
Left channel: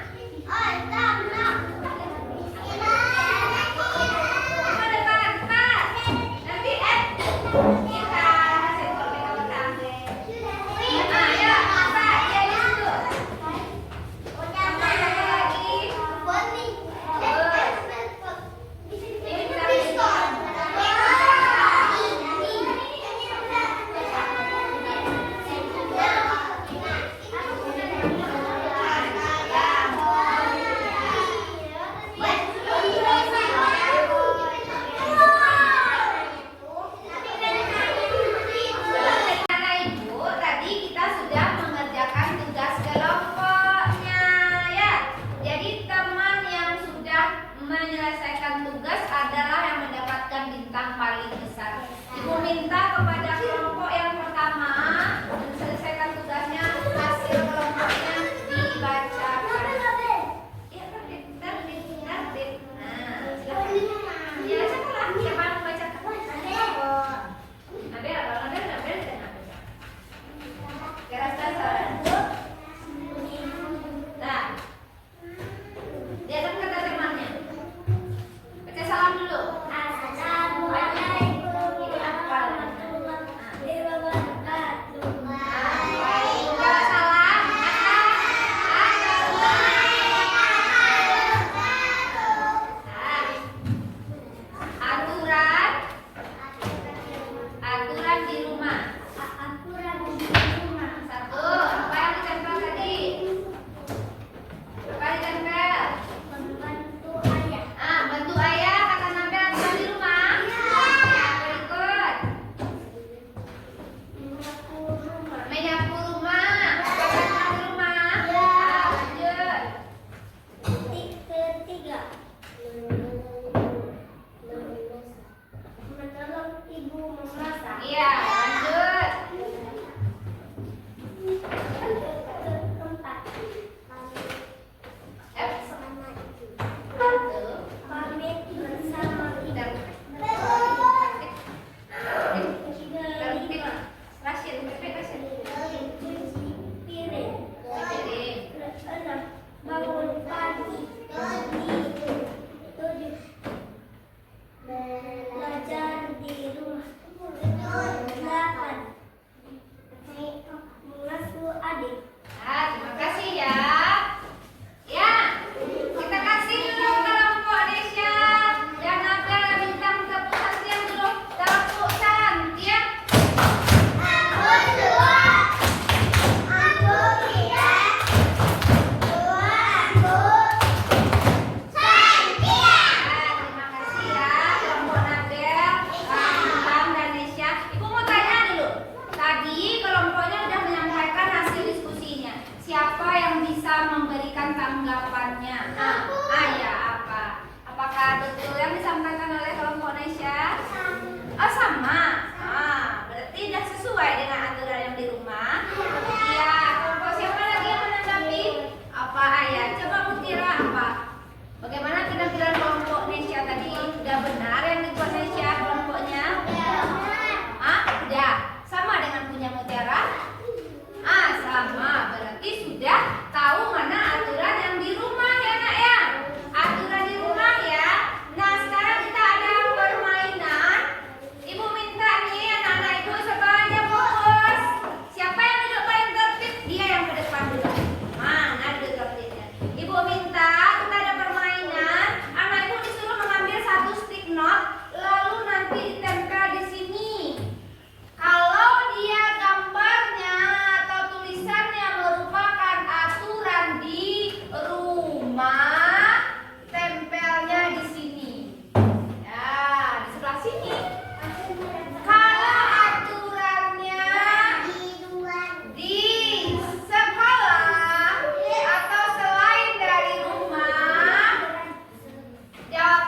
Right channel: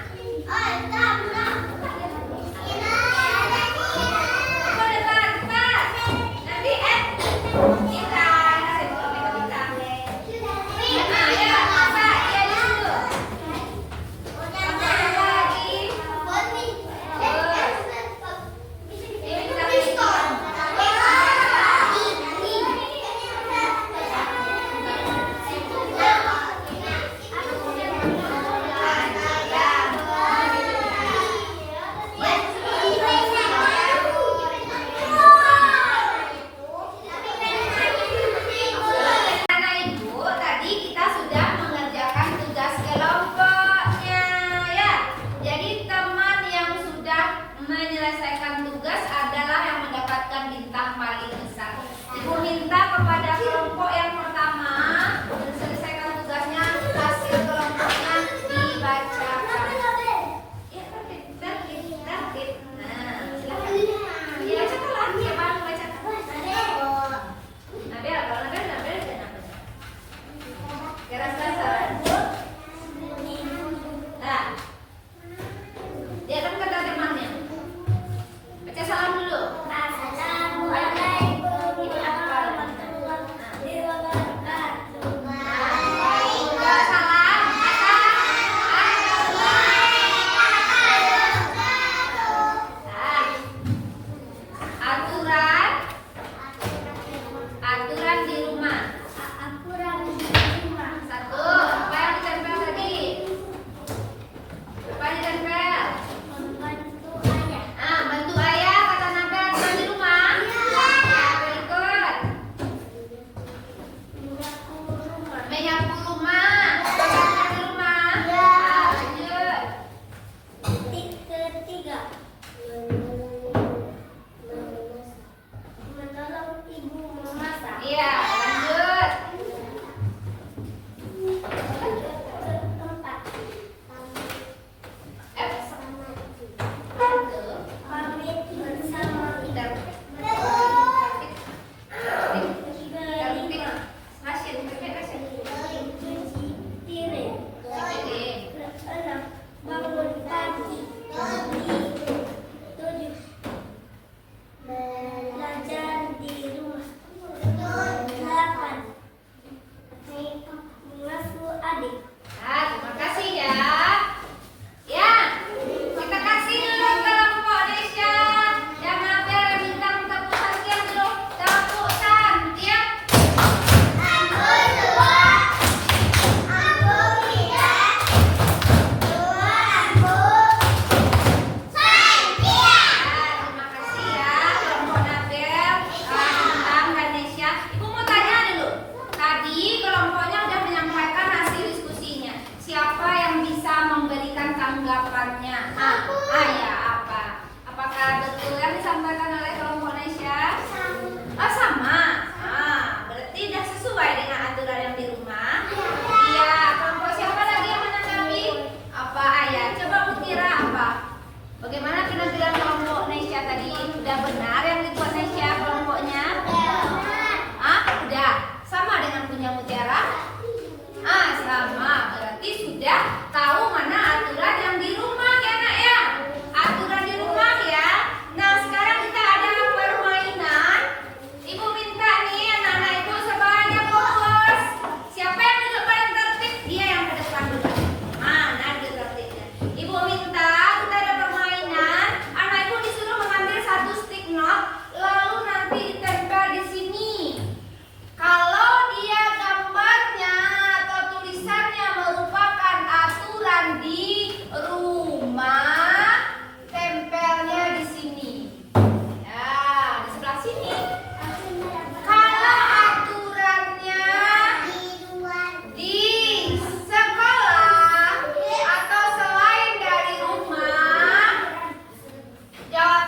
Ke depan, cepat. Nanti bintang, bintang. Nah, ya, cepat, dia di situ. Tambah lagi. Ini bintang. Anak ibu, tadi kita sudah mengerjakan tugas kelompoknya ya. Jadi teman yang sudah menyelesaikan tugas adalah yang mendapatkan bintang paling besar. Ibu minta kepada kelompok yang pertama menyelesaikan tugasnya, hasil kelompoknya dibacakan. Ya, tertib. Nah, silakan. Ya, bacakanlah. Siapa yang mau bacakan? Nabel. Nah, dia kan kata temannya. Baca salam dulu. Ini apa?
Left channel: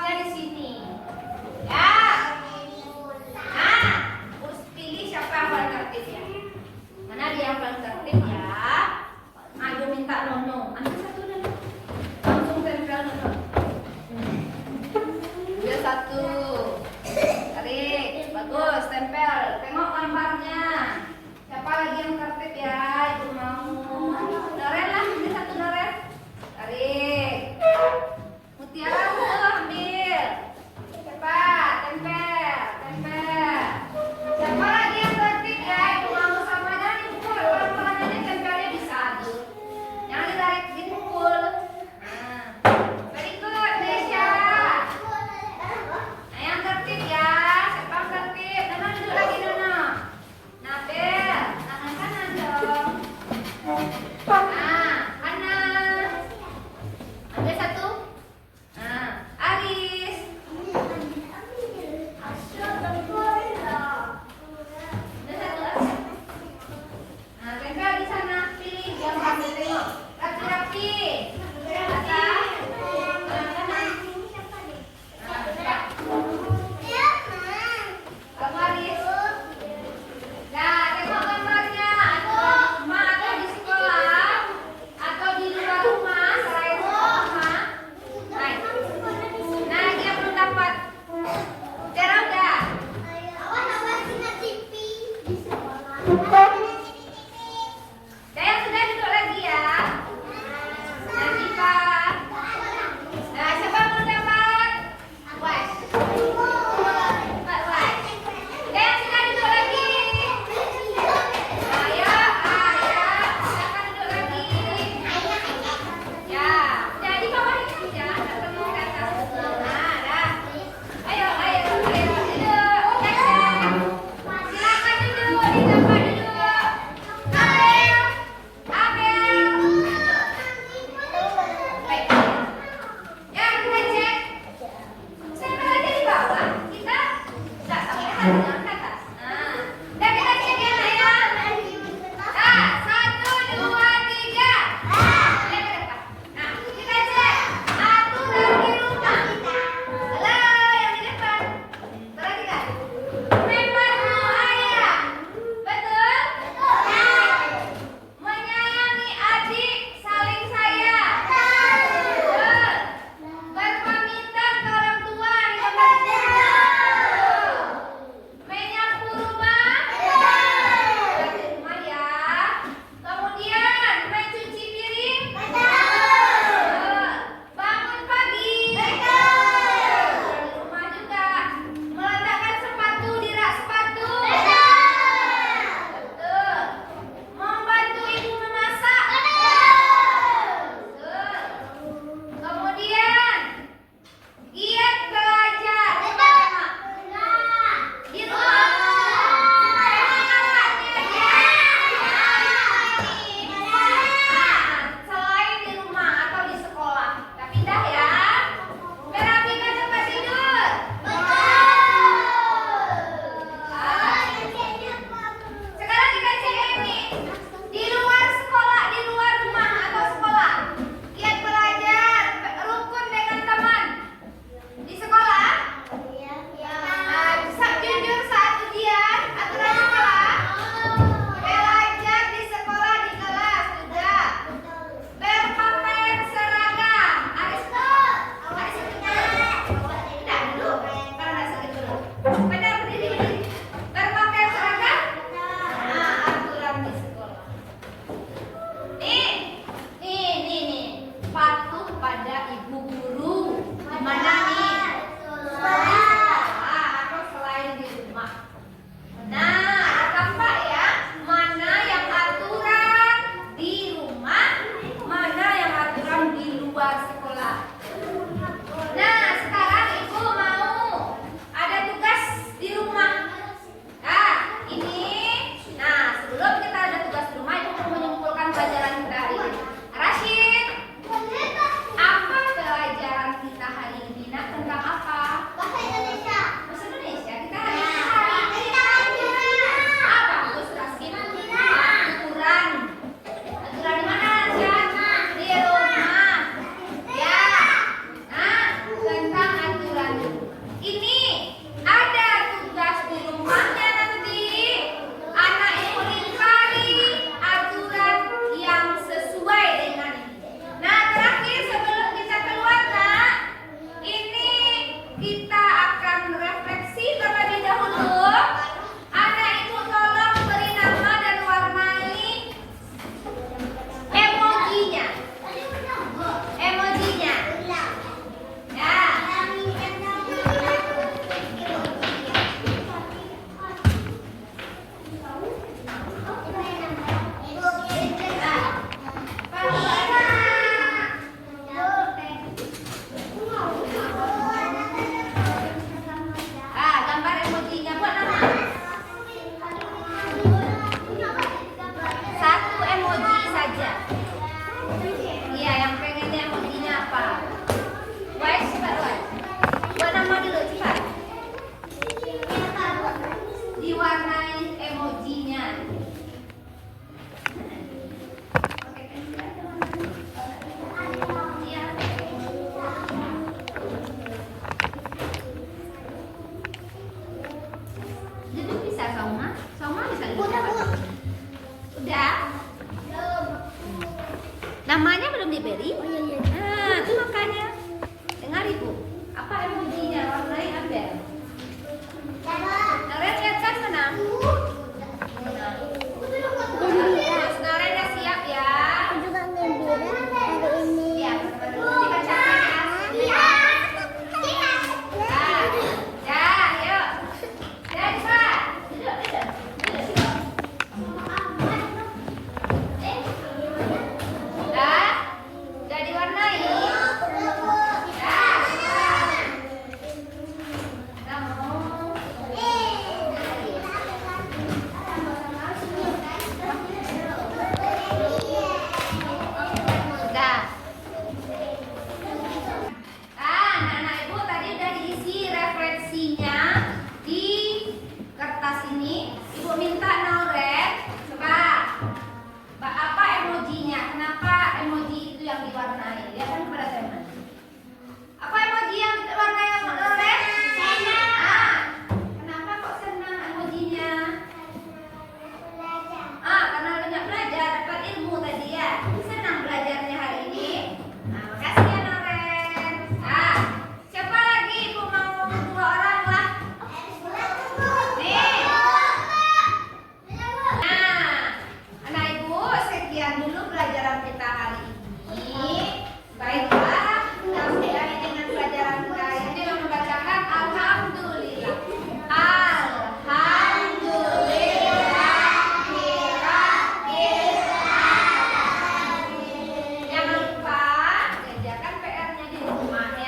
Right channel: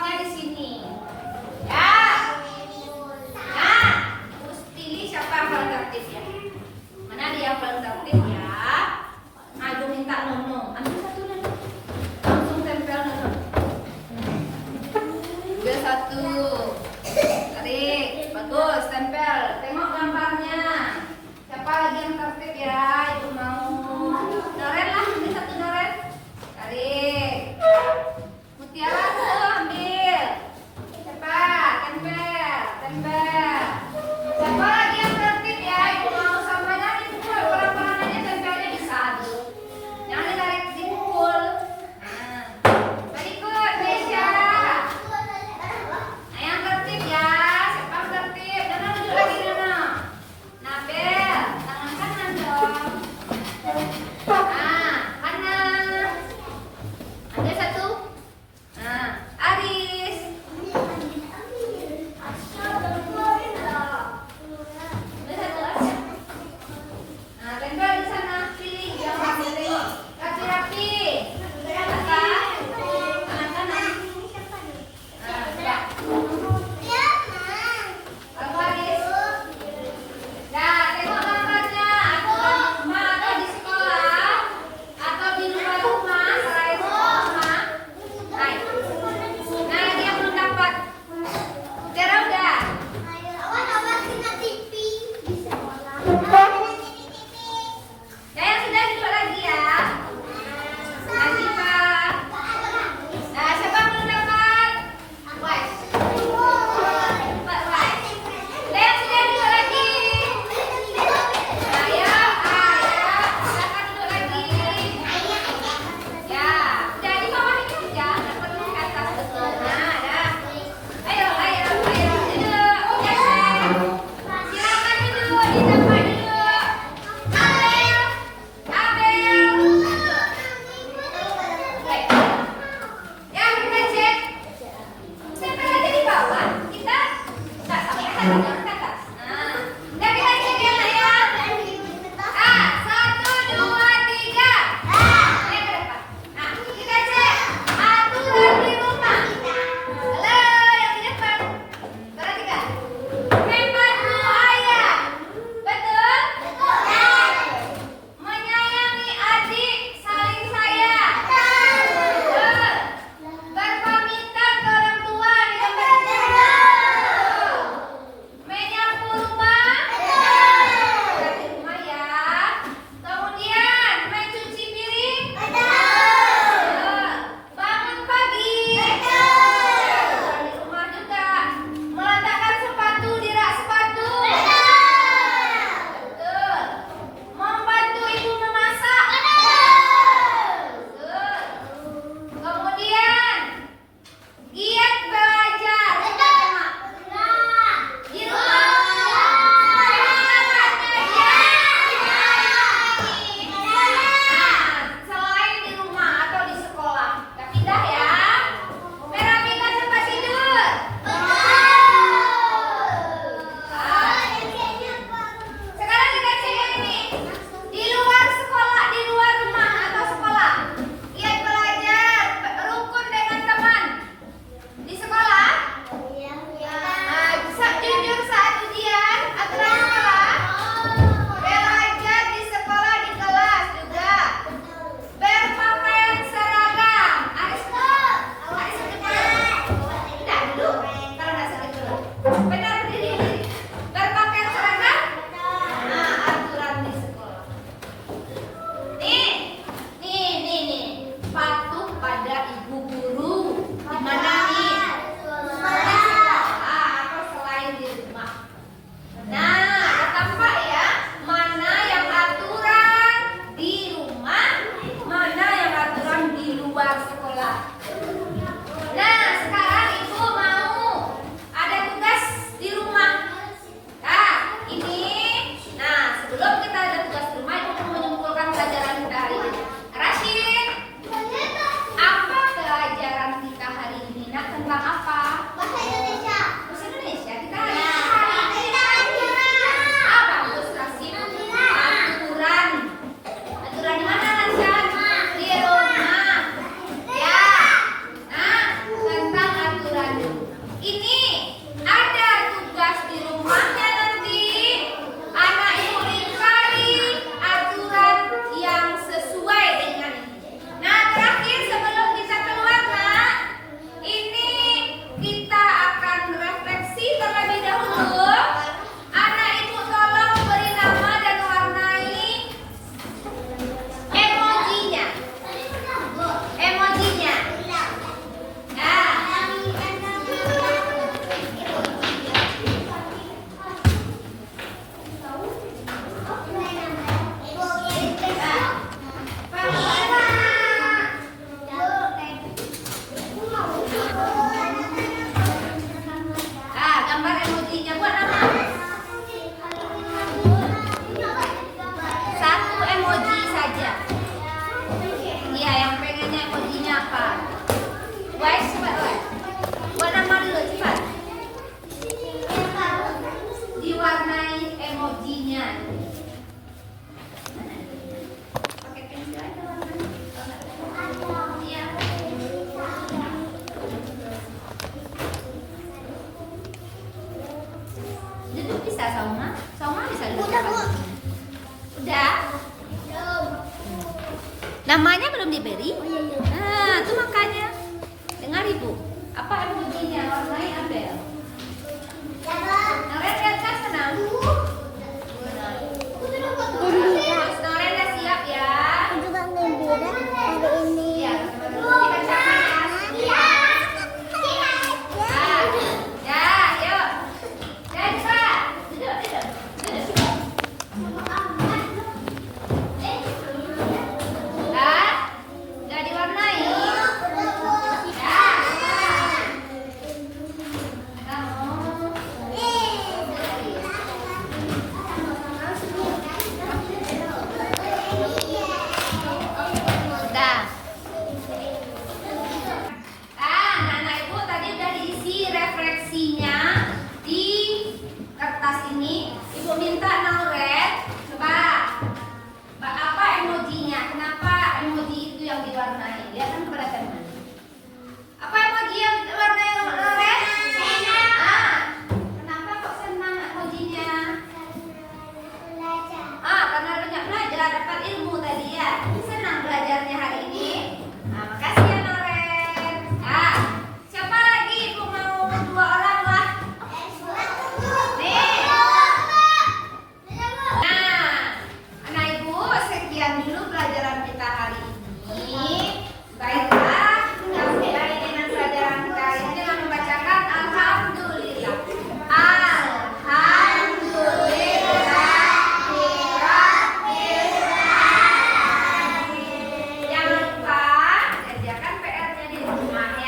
tempatnya di sini. Ya. Nah, harus pilih siapa yang paling tertib ya. Mana dia yang paling tertib ya? Aku minta Nono. Ambil satu Nono. Langsung tempel Nono. Ambil satu. Tarik. Bagus, tempel. Tengok gambarnya. Siapa lagi yang tertib ya? Ibu mau. Noren lah, ambil satu Noren. Tarik. Mutiara tuh ambil. Siapa? Tempel, tempel. Siapa lagi yang tertib ya? Ibu mau sama dan ibu pelan-pelan aja tempelnya bisa tuh. Jangan ditarik simpul. Nah, very good, Nesya. Nah, yang tertib ya. Siapa yang tertib? Nono duduk lagi Nono. Nabel, tangan kanan dong. Nah, kanan. Ambil satu. Nah, Aris. Ambil satu aja. Nah, tempel di sana. Pilih, jangan sampai tengok. Rapi-rapi. Atas. Kanan-kanan. Nah, ya. Kamu Aris. Nah, tengok gambarnya. Atau di rumah atau di sekolah atau di rumah selain sekolah. Hai. Nah, lagi yang belum dapat. Tera udah. Saya sudah duduk lagi ya. Nanti Pak. Nah, siapa yang belum dapat? Wes. Pak Wes. Saya sudah duduk lagi. Ayo, silakan duduk lagi. Ya, udah di bawah itu ya, nggak perlu ke atas betul. Nah, dah. Ayo. Silakan duduk di tempat duduk. Abel. Baik. Ya, kita cek. Sampai aja di bawah. Kita nggak sampai ke atas. Nah, udah kita cek ya, Nak, ya. 1, 2, 3. Lihat ke depan. Nah, kita cek aturan di rumah. Halo, yang di depan. Perhatikan. Membantu ayah. Betul? Menyayangi adik, saling sayang. Betul. Berpamitan ke orang tua di tempat tidur. Menyapu rumah. Di rumah ya. Kemudian mencuci piring. Betul. Bangun pagi. Di rumah juga. Meletakkan sepatu di rak sepatu. Betul. Membantu ibu memasak. Betul. Kemudian giat belajar. Di rumah. Selain di rumah atau di sekolah. Gak pindah ya. Merapikan tempat tidur. Sekarang kita cek ini. Di luar sekolah, di luar rumah atau sekolah. Giat belajar, rukun dengan teman. Di sekolah. Jujur saat ujian, aturan sekolah. Belajar di sekolah, di kelas juga. Berpakaian seragam. Aris betul. Aris betul. Tidak dulu. Kalau nggak sakit dulu. Benar berdiri. Berpakaian seragam. Nah, aturan di sekolah. Nih. Patuh pada ibu guru. Di mana nih? Atau selain di rumah. Nah, tampak ya mana yang aturan di rumah, mana yang aturan di luar sekolah. Nah, sekarang ibu mau ada tugas di rumah. Nah, ini. Nah, sebelum kita ada tugas di rumah, ibu mau menyimpulkan pelajaran kita hari ini. Rashid, apa pelajaran kita hari ini? Nah, tentang apa? Bahasa Indonesia. Kita hari ini. Bagus, Rashid. Aturan. Aturan di mana, Rashid? Di rumah. Ya. Nah, tentang aturan Apa emojinya? Warnai Abel. Noren lihat kan mana? Terus Noren udah siap ya? Aku juga gembira hari ini. Iya. Dibacakan ya. Ya, yuk. Ya, cepat. Duduk. Udah diwarnai? Ya. Kamu. Sudah. Anak-anak ibu tadi udah diisi refleksinya di kertas ini. Ibu minta Noren, coba apa emojinya? Kenapa emoji itu yang diwarnai? Lihatkan kepada teman. Apa emoji yang diwarnai Noren? Senang. Kenapa kok senang emojinya? Karena banyak belajar, dapat ilmu tadi ya. Senang belajarnya hari ini. Makasih ya Noren. Siapa lagi? Ibu mau 2 orang lah. Nih. Anak ibu, sekian dulu pelajaran kita hari ini. Baiklah, kita mulai dengan pelajaran kita hari ini dengan membacakan Alhamdulillah. Jangan lupa kerjakan PR-nya di rumah ya.